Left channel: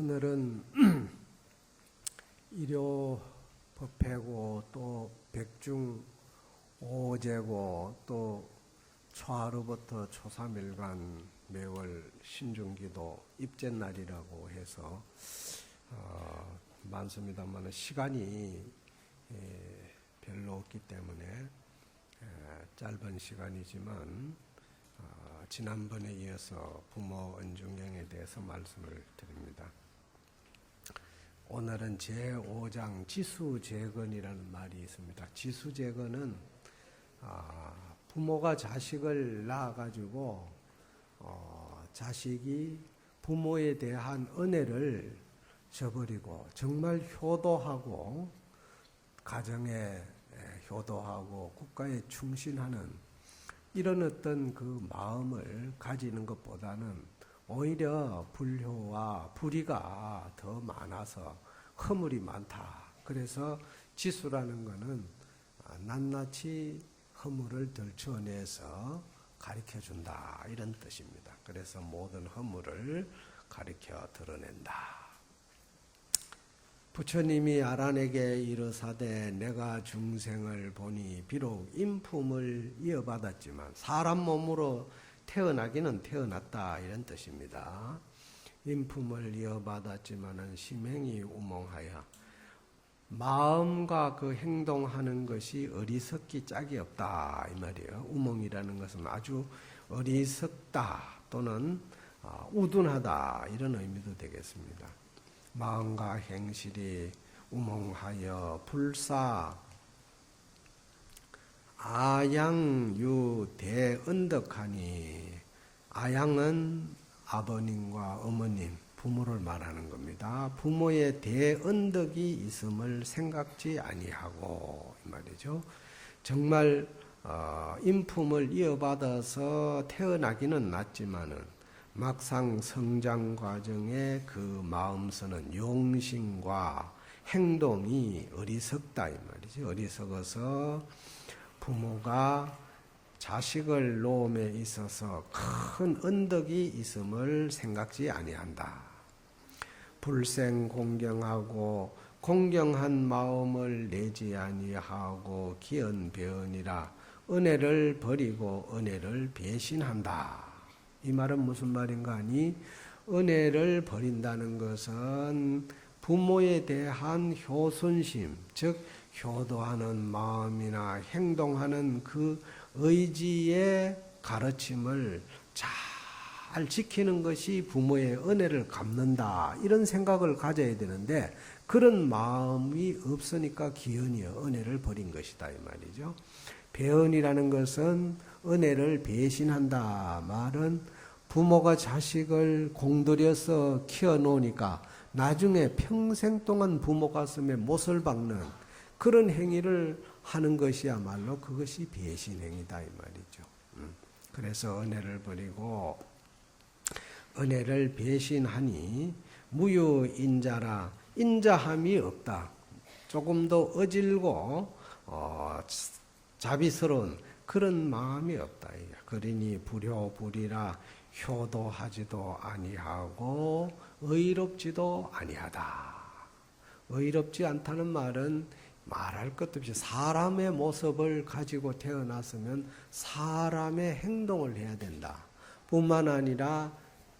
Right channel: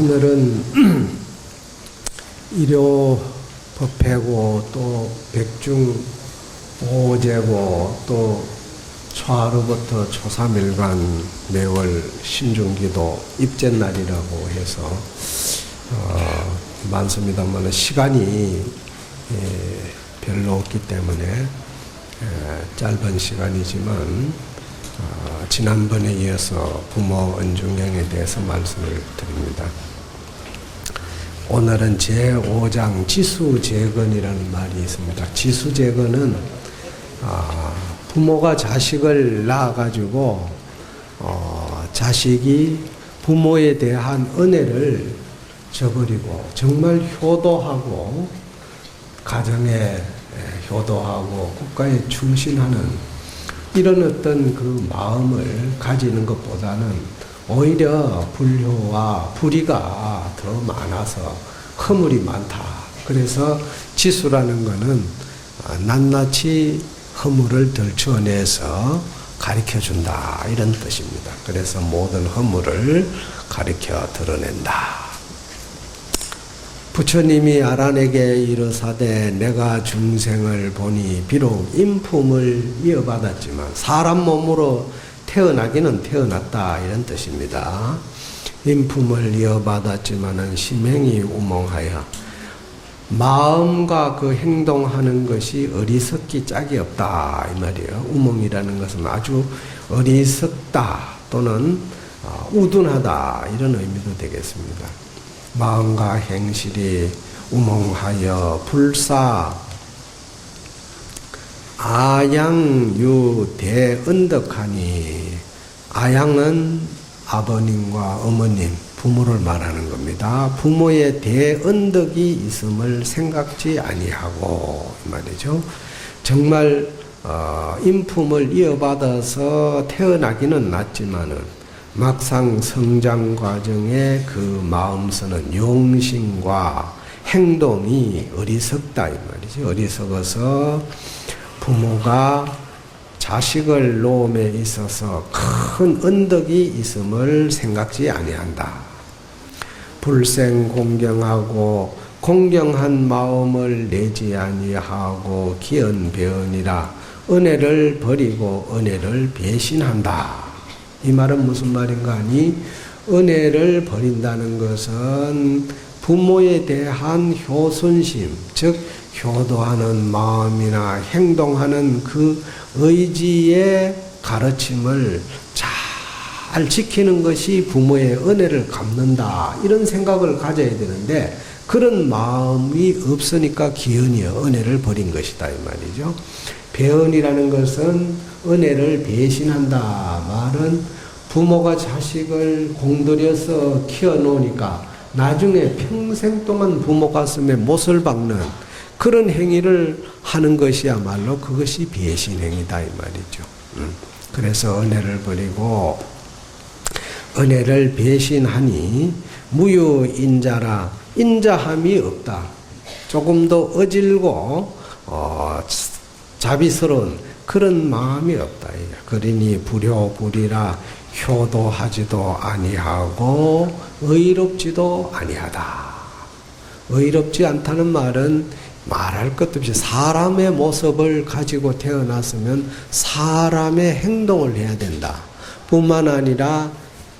오늘은 일요법회고 또 백중 오제고 또 초하루부터 초3일간 매월 신중기도 입제날이라고 해서 많습니다만 시간이 별로 없기 때문에 짧은 시간이지만 지난번에 이어서 부모 은중경에 대해서 말씀을 드립니다. 오늘은 제5장 지수재건이라는 말이 있습니다. 지수재건은 부모가 자식을 낳아가지고 자식이 부모에 대한 은혜를 저버리고 정말 효도하고 가정에 효도하고 국가에 충실하는 이런 어떤 그 마음을 가지는 것보다는 오히려 불효와 불의가 더 많아서 허물이 많다. 그래서 지수라는 것은 낱낱이 허물을 덜추어내서 가르쳐준다 이런 뜻입니다. 그래서 모든 허물을 가르쳐 드러낸다. 부처님이 아란에게 이르사되 내가 중생을 보니 비록 인품을 이어받았지만 사람 몸으로 태어나기는 태어났다 이런 뜻입니다. 인품을 이어받았지만은 심행이 우몽하여 마음과 그 행동하는 것이 어리석기 짝이 없다 이 말이에요. 우몽이라는 것은 아주 어리석다 또는 우둔하다 이런 의미도 되겠습니다. 마음과 행실이 우몽하여 불사 아양유 대언덕하니 아양은 아버님과 어머님 부모를 말하는 겁니다. 부모의 대언덕이 있음을 생각지 아니하고 이 말이죠. 정말 인품을 이어받아서 태어나기는 낫지만은 막상 성장 과정에 그 마음서는 용심과 행동이 어리석다 이 말이죠. 어리석어서 부모가 자식을 놓음에 있어서 큰 언덕이 있음을 생각지 아니한다. 불생 공경하고 공경한 마음을 내지 아니하고 기언배언이라 은혜를 버리고 은혜를 배신한다. 이 말은 무슨 말인가 하니 은혜를 버린다는 것은 부모에 대한 효순심, 즉 효도하는 마음이나 행동하는 그 의지의 가르침을 잘 지키는 것이 부모의 은혜를 갚는다 이런 생각을 가져야 되는데 그런 마음이 없으니까 기은이여 은혜를 버린 것이다 이 말이죠. 배언이라는 것은 은혜를 배신한다 말은 부모가 자식을 공들여서 키워놓으니까 나중에 평생 동안 부모 가슴에 못을 박는 그런 행위를 하는 것이야말로 그것이 배신행위다 이 말이죠. 그래서 은혜를 버리고 은혜를 배신하니 무유인자라 인자함이 없다. 조금 더 어질고 자비스러운 그런 마음이 없다. 그러니 불효불이라 효도하지도 아니하고 의롭지도 아니하다. 의롭지 않다는 말은 말할 것도 없이 사람의 모습을 가지고 태어났으면 사람의 행동을 해야 된다. 뿐만 아니라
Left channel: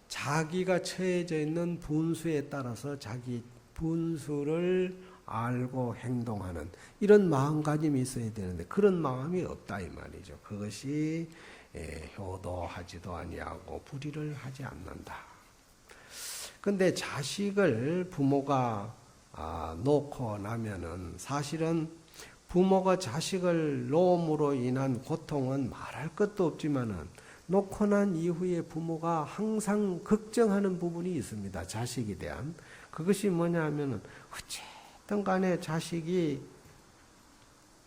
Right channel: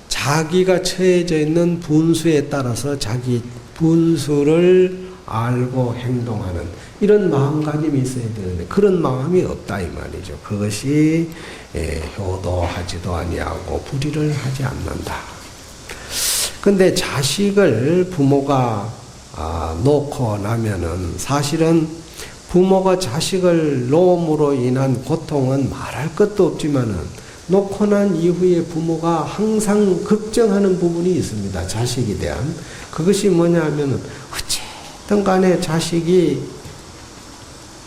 자기가 처해져 있는 분수에 따라서 자기 분수를 알고 행동하는 이런 마음가짐이 있어야 되는데 그런 마음이 없다 이 말이죠. 그것이 효도하지도 아니하고 불의를 하지 않는다. 근데 자식을 부모가 놓고 나면은 사실은 부모가 자식을 놓음으로 인한 고통은 말할 것도 없지만은 놓고 난 이후에 부모가 항상 걱정하는 부분이 있습니다. 자식에 대한. 그것이 뭐냐 하면은 어쨌든 간에 자식이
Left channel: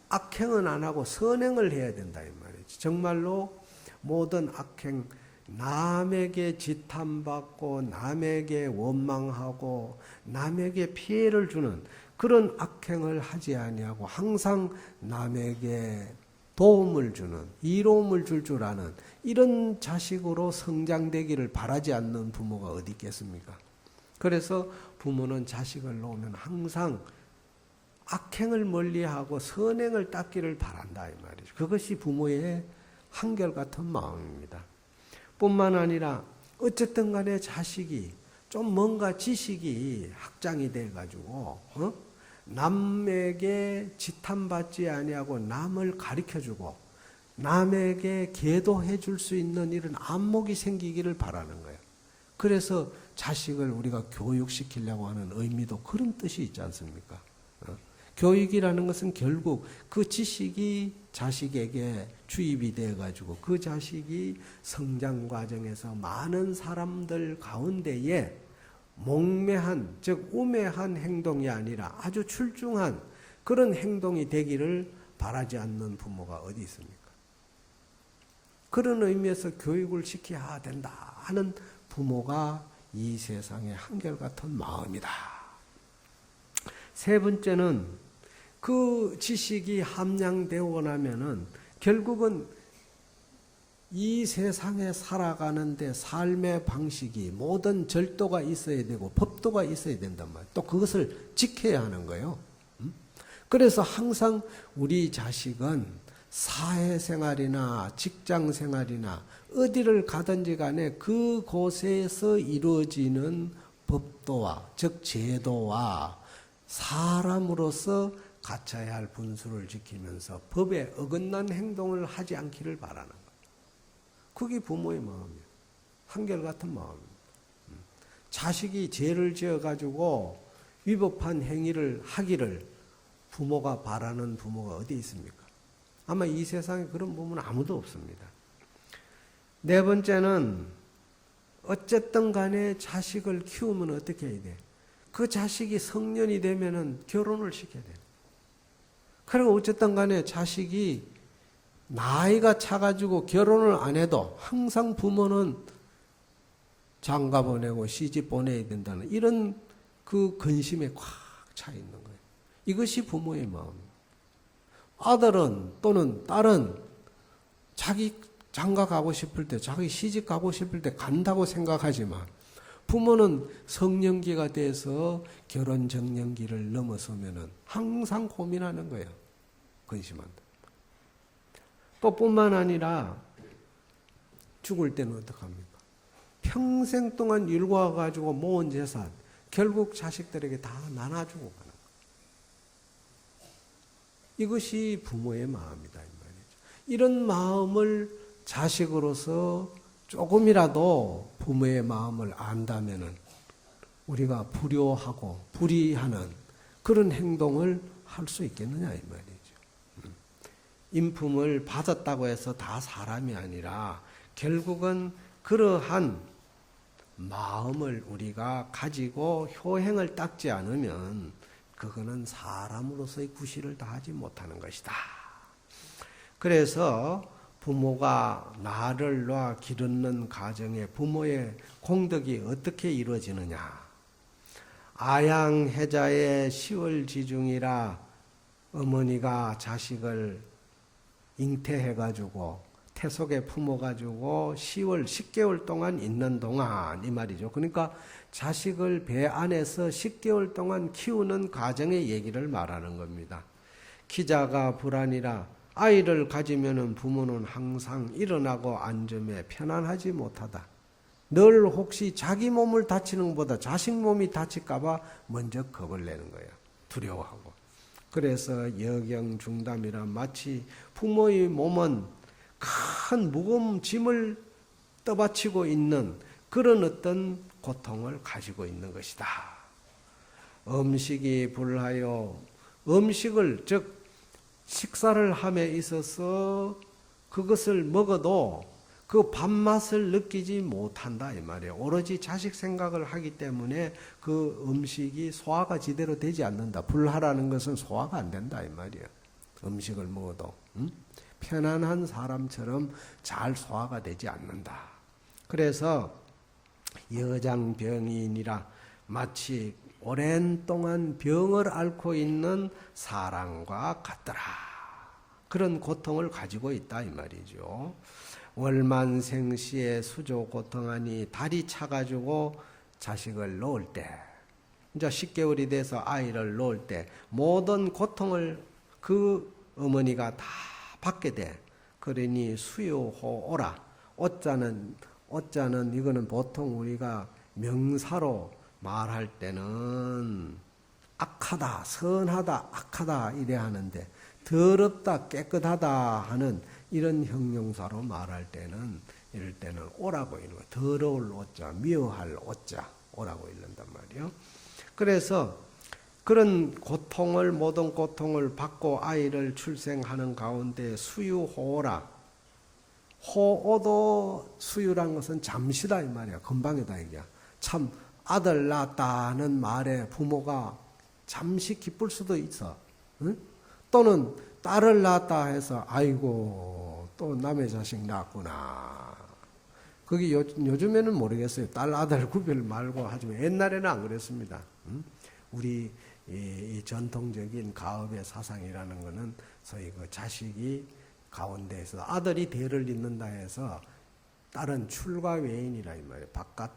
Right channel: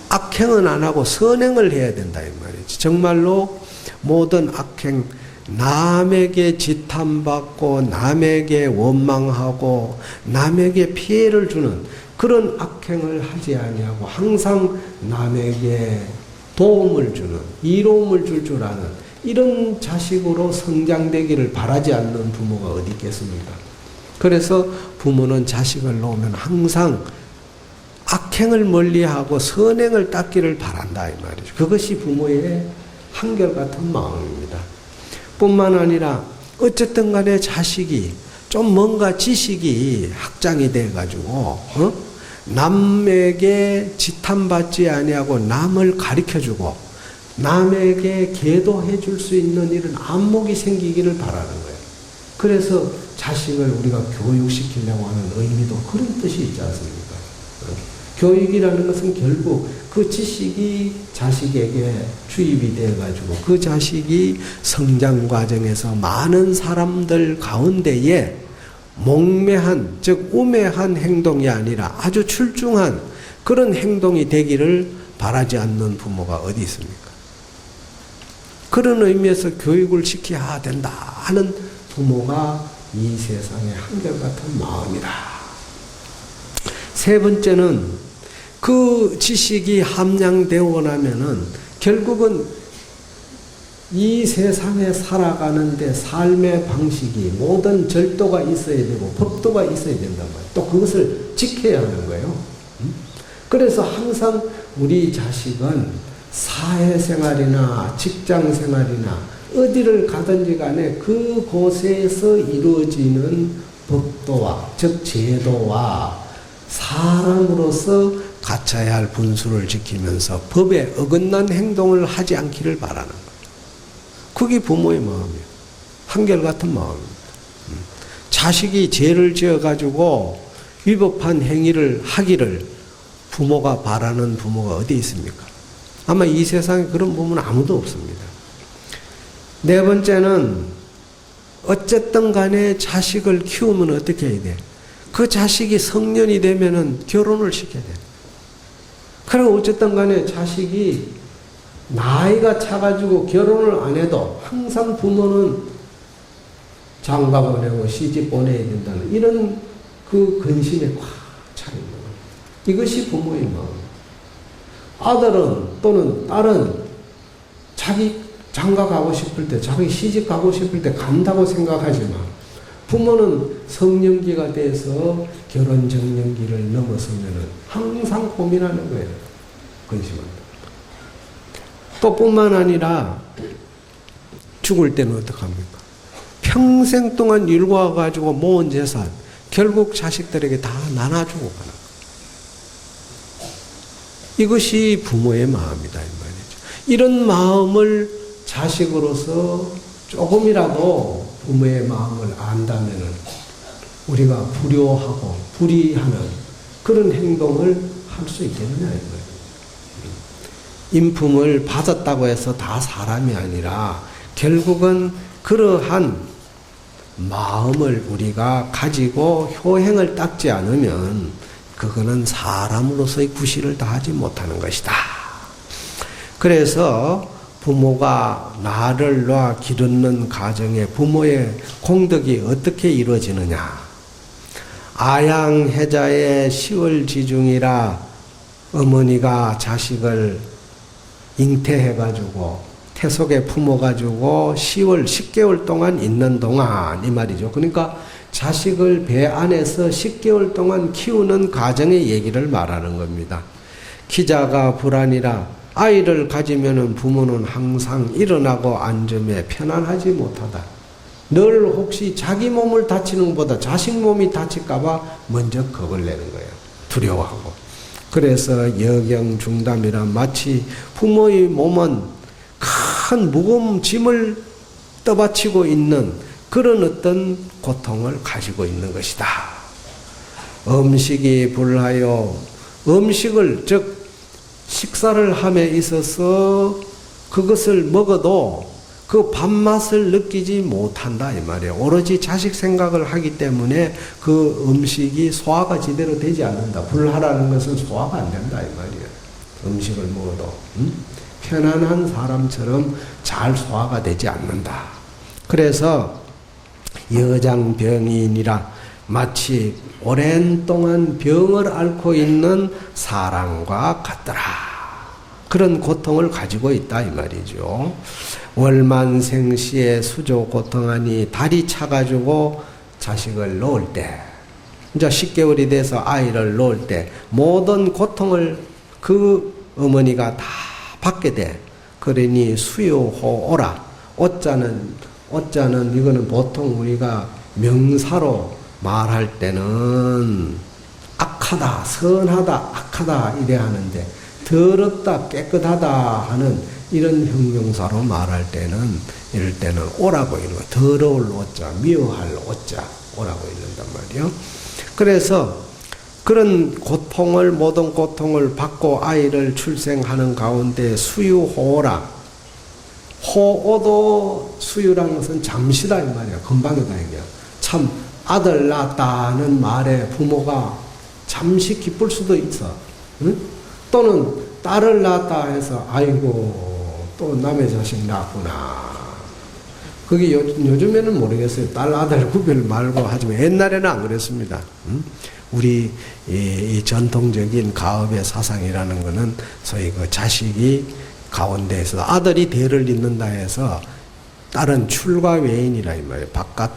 악행은 안 하고 선행을 해야 된다 이 말이지. 정말로 모든 악행 남에게 지탄받고 남에게 원망하고 남에게 피해를 주는 그런 악행을 하지 아니하고 항상 남에게 도움을 주는 이로움을 줄 아는 이런 자식으로 성장되기를 바라지 않는 부모가 어디 있겠습니까? 그래서 부모는 자식을 놓으면 항상 악행을 멀리하고 선행을 닦기를 바란다 이 말이죠. 그것이 부모의 한결같은 마음입니다. 뿐만 아니라 어쨌든 간에 자식이 좀 뭔가 지식이 확장이 돼가지고 남에게 지탄받지 아니하고 남을 가르쳐주고 남에게 계도해 줄 수 있는 이런 안목이 생기기를 바라는 거예요. 그래서 자식을 우리가 교육시키려고 하는 의미도 그런 뜻이 있지 않습니까? 교육이라는 것은 결국 그 지식이 자식에게 주입이 돼가지고 그 자식이 성장 과정에서 많은 사람들 가운데에 몽매한, 즉 우매한 행동이 아니라 아주 출중한 그런 행동이 되기를 바라지 않는 부모가 어디 있습니까? 그런 의미에서 교육을 시켜야 된다 하는 부모가 이 세상의 한결같은 마음이다. 세 번째는 그 지식이 함량되고 나면은 결국은 이 세상에 살아가는데 삶의 방식이 모든 절도가 있어야 되고 법도가 있어야 된단 말이에요. 또 그것을 지켜야 하는 거예요. 그래서 항상 우리 자식은 사회생활이나 직장생활이나 어디를 가든지 간에 그곳에서 이루어지는 법도와 즉 제도와 사람으로서 갖춰야 할 분수를 지키면서 법에 어긋난 행동을 하지 않기를 바라는 거예요. 그게 부모의 마음이에요. 한결같은 마음입니다. 자식이 죄를 지어가지고 위법한 행위를 하기를 부모가 바라는 부모가 어디 있습니까? 아마 이 세상에 그런 부모는 아무도 없습니다. 네 번째는 어쨌든 간에 자식을 키우면 어떻게 해야 돼? 그 자식이 성년이 되면은 결혼을 시켜야 돼. 그리고 어쨌든 간에 자식이 나이가 차가지고 결혼을 안 해도 항상 부모는 장가 보내고 시집 보내야 된다는 이런 그 근심에 꽉 차 있는 거예요. 이것이 부모의 마음. 아들은 또는 딸은 자기 장가 가고 싶을 때, 자기 시집 가고 싶을 때 간다고 생각하지만 부모는 성년기가 돼서 결혼 정년기를 넘어서면은 항상 고민하는 거예요. 근심한다. 또 뿐만 아니라 죽을 때는 어떡합니까? 평생 동안 일궈가지고 모은 재산 결국 자식들에게 다 나눠주고 가는 거예요. 이것이 부모의 마음이다 이 말이죠. 이런 마음을 자식으로서 조금이라도 부모의 마음을 안다면은 우리가 불효하고 불의하는 그런 행동을 할 수 있겠느냐 이 말이에요. 인품을 받았다고 해서 다 사람이 아니라 결국은 그러한 마음을 우리가 가지고 효행을 닦지 않으면 그거는 사람으로서의 구실을 다하지 못하는 것이다. 그래서 부모가 나를 놓아 기르는 가정에 부모의 공덕이 어떻게 이루어지느냐. 아양해자의 10월 지중이라 어머니가 자식을 잉태해가지고 태속에 품어가지고 10개월 동안 있는 동안 이 말이죠. 그러니까 자식을 배 안에서 10개월 동안 키우는 가정의 얘기를 말하는 겁니다. 기자가 불안이라 아이를 가지면은 부모는 항상 일어나고 앉음에 편안하지 못하다. 늘 혹시 자기 몸을 다치는 것보다 자식 몸이 다칠까봐 먼저 겁을 내는 거예요. 두려워하고. 그래서 여경중담이라 마치 부모의 몸은 큰 무거운 짐을 떠받치고 있는 그런 어떤 고통을 가지고 있는 것이다. 음식이 불하여 음식을 즉 식사를 함에 있어서 그것을 먹어도 그 밥맛을 느끼지 못한다 이 말이에요. 오로지 자식 생각을 하기 때문에 그 음식이 소화가 제대로 되지 않는다. 불하라는 것은 소화가 안 된다 이 말이에요. 음식을 먹어도 편안한 사람처럼 잘 소화가 되지 않는다. 그래서 여장병인이라 마치 오랜 동안 병을 앓고 있는 사람과 같더라. 그런 고통을 가지고 있다 이 말이죠. 월만생시에 수조 고통하니 다리 차가지고 자식을 놓을 때, 이제 10개월이 돼서 아이를 놓을 때 모든 고통을 그 어머니가 다 받게 돼. 그러니 수유호오라. 오자는 이거는 보통 우리가 명사로 말할 때는 악하다, 선하다, 악하다 이래야 하는데 더럽다, 깨끗하다 하는 이런 형용사로 말할 때는 이럴 때는 오라고 이런 거. 더러울 오자, 미워할 오자 오라고 이런단 말이요. 그래서 그런 고통을 모든 고통을 받고 아이를 출생하는 가운데 수유호라. 호오도 수유라는 것은 잠시다 이 말이야. 금방이다 이게. 참 아들 낳았다는 말에 부모가 잠시 기쁠 수도 있어. 응? 또는 딸을 낳았다 해서 아이고 또 남의 자식 낳았구나. 그게 요즘에는 모르겠어요. 딸 아들 구별 말고 하지만 옛날에는 안 그랬습니다. 응? 우리 이 전통적인 가업의 사상이라는 것은 소위 그 자식이 가운데에서 아들이 대를 잇는다 해서 딸은 출가 외인이라 이 말이에요. 바깥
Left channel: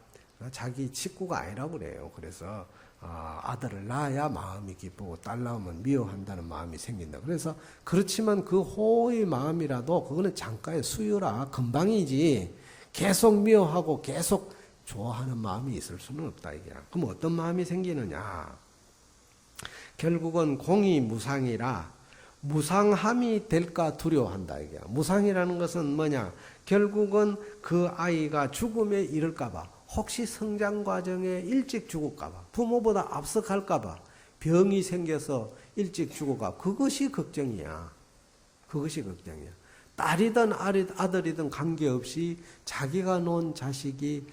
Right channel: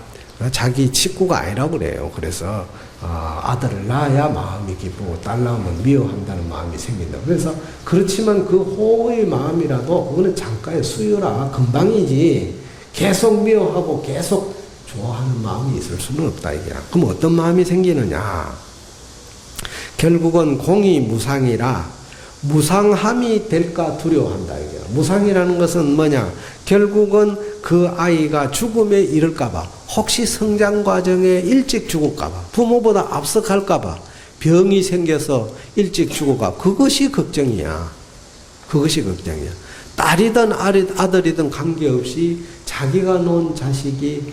자기 식구가 아니라고 그래요. 그래서 아들을 낳아야 마음이 기쁘고 딸 낳으면 미워한다는 마음이 생긴다. 그래서 그렇지만 그 호의 마음이라도 그거는 잠깐의 수유라 금방이지 계속 미워하고 계속 좋아하는 마음이 있을 수는 없다 이게. 그럼 어떤 마음이 생기느냐? 결국은 공이 무상이라 무상함이 될까 두려워한다 이게. 무상이라는 것은 뭐냐? 결국은 그 아이가 죽음에 이를까봐, 혹시 성장 과정에 일찍 죽을까봐, 부모보다 앞서갈까봐, 병이 생겨서 일찍 죽을까, 그것이 걱정이야. 그것이 걱정이야. 딸이든 아들이든 관계없이 자기가 놓은 자식이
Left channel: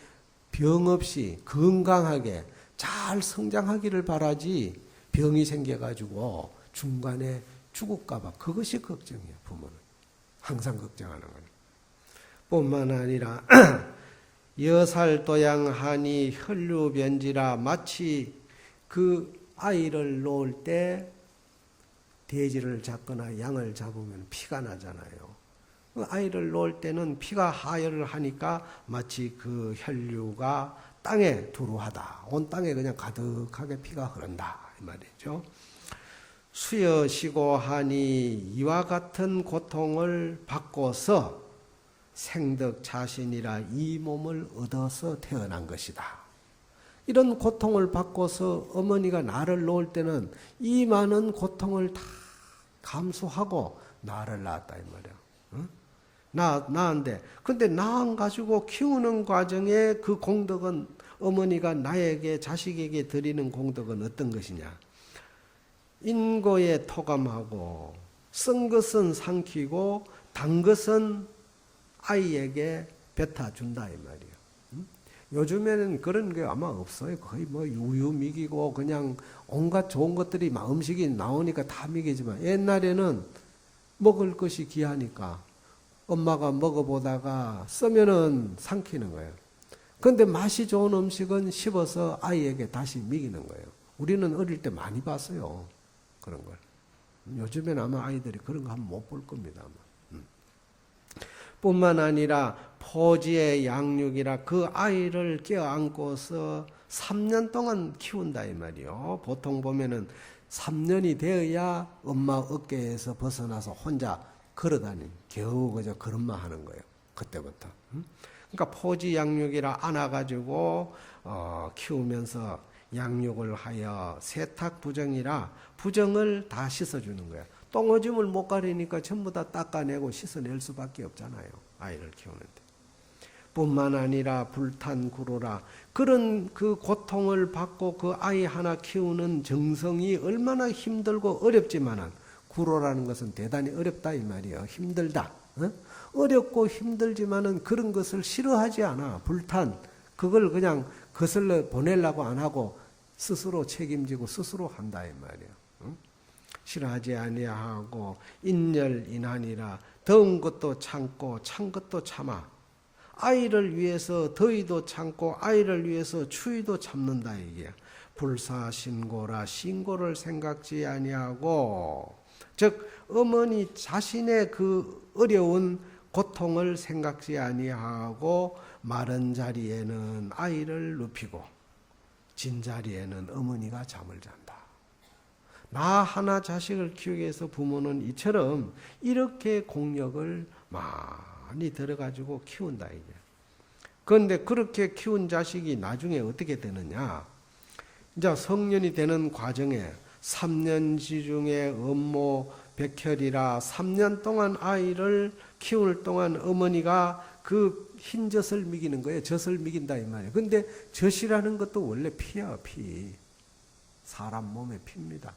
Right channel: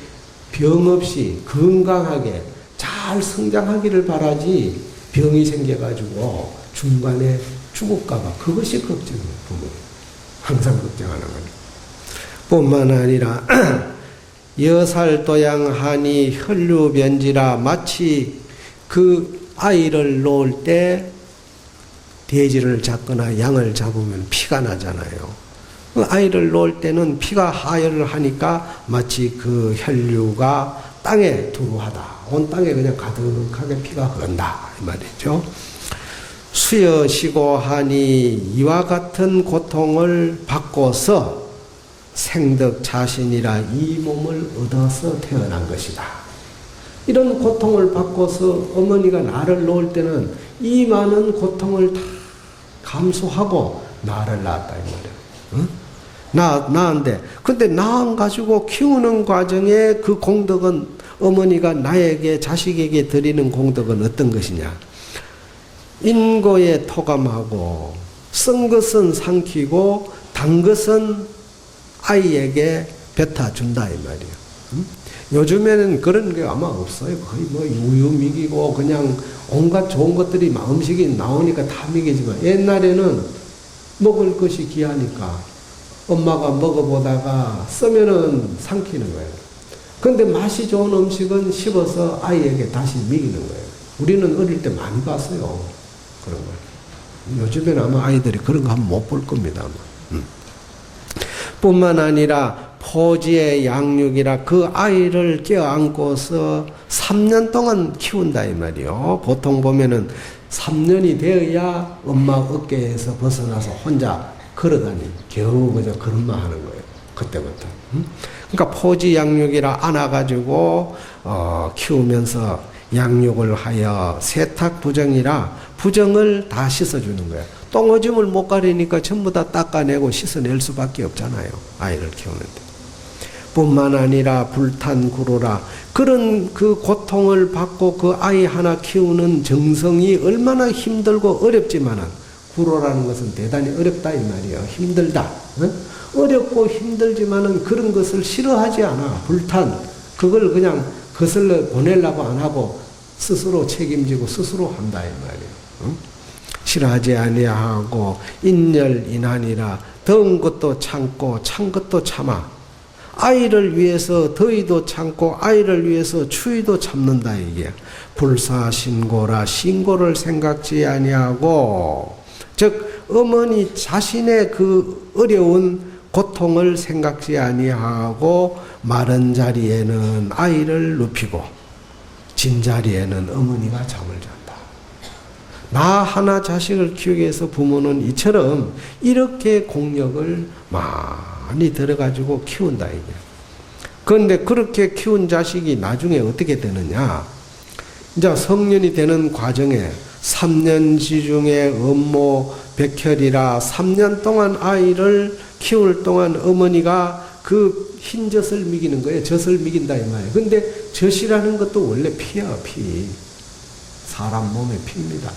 병 없이 건강하게 잘 성장하기를 바라지, 병이 생겨가지고 중간에 죽을까봐 그것이 걱정이에요. 부모 항상 걱정하는 거예요. 뿐만 아니라 여살도양하니 혈류변지라, 마치 그 아이를 놓을 때 돼지를 잡거나 양을 잡으면 피가 나잖아요. 그 아이를 놓을 때는 피가 하혈을 하니까 마치 그 혈류가 땅에 두루하다. 온 땅에 그냥 가득하게 피가 흐른다 이 말이죠. 수여시고 하니 이와 같은 고통을 받고서 생덕 자신이라 이 몸을 얻어서 태어난 것이다. 이런 고통을 받고서 어머니가 나를 놓을 때는 이 많은 고통을 다 감수하고 나를 낳았다 이 말이야. 응? 낳았는데 근데 낳아가지고 키우는 과정에 그 공덕은, 어머니가 나에게 자식에게 드리는 공덕은 어떤 것이냐? 인고에 토감하고 쓴 것은 삼키고 단 것은 아이에게 뱉어준다 이 말이에요. 응? 요즘에는 그런 게 아마 없어요. 거의 뭐 우유 먹이고 그냥 온갖 좋은 것들이 음식이 나오니까 다 먹이지만, 옛날에는 먹을 것이 귀하니까 엄마가 먹어보다가 쓰면은 삼키는 거예요. 근데 맛이 좋은 음식은 씹어서 아이에게 다시 먹이는 거예요. 우리는 어릴 때 많이 봤어요. 그런 걸. 요즘에는 아마 아이들이 그런 거 한번 못 볼 겁니다. 아마. 뿐만 아니라 포지의 양육이라, 그 아이를 껴안고서 3년 동안 키운다 이 말이요. 보통 보면은 3년이 되어야 엄마 어깨에서 벗어나서 혼자 걸어다니, 겨우 그저 걸음만 하는 거예요. 그때부터. 그러니까 포지 양육이라 안아가지고 키우면서 양육을 하여 세탁 부정이라 부정을 다 씻어주는 거예요. 똥오줌을 못 가리니까 전부 다 닦아내고 씻어낼 수밖에 없잖아요. 아이를 키우는데. 뿐만 아니라 불탄구로라, 그런 그 고통을 받고 그 아이 하나 키우는 정성이 얼마나 힘들고 어렵지만은, 구로라는 것은 대단히 어렵다 이 말이에요. 힘들다. 어렵고 힘들지만은 그런 것을 싫어하지 않아. 불탄. 그걸 그냥 거슬러 보내려고 안 하고 스스로 책임지고 스스로 한다 이 말이에요. 싫어하지 아니하고 인열인한이라, 더운 것도 참고 찬 것도 참아. 아이를 위해서 더위도 참고 아이를 위해서 추위도 참는다 이게. 불사신고라, 신고를 생각지 아니하고, 즉 어머니 자신의 그 어려운 고통을 생각지 아니하고 마른 자리에는 아이를 눕히고, 진자리에는 어머니가 잠을 잔다. 나 하나 자식을 키우기 위해서 부모는 이처럼 이렇게 공력을 많이 들어가지고 키운다 이게. 그런데 그렇게 키운 자식이 나중에 어떻게 되느냐? 이제 성년이 되는 과정에 3년지 중에 업모 백혈이라 3년 동안 아이를 키울 동안 어머니가 그 흰 젖을 먹이는 거예요. 젖을 먹인다 이 말이에요. 근데 젖이라는 것도 원래 피야, 피. 사람 몸에 피입니다.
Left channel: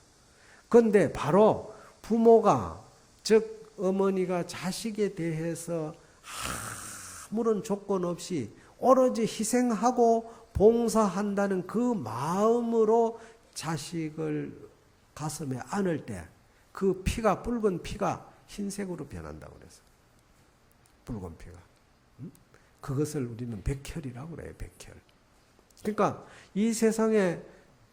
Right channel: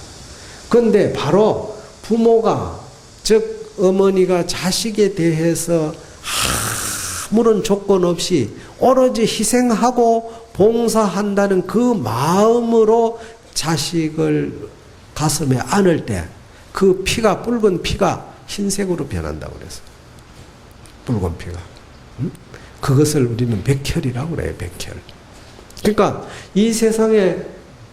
근데 바로 부모가, 즉 어머니가 자식에 대해서 아무런 조건 없이 오로지 희생하고 봉사한다는 그 마음으로 자식을 가슴에 안을 때 그 피가, 붉은 피가 흰색으로 변한다고 그랬어요. 붉은 피가. 그것을 우리는 백혈이라고 그래요. 백혈. 그러니까 이 세상에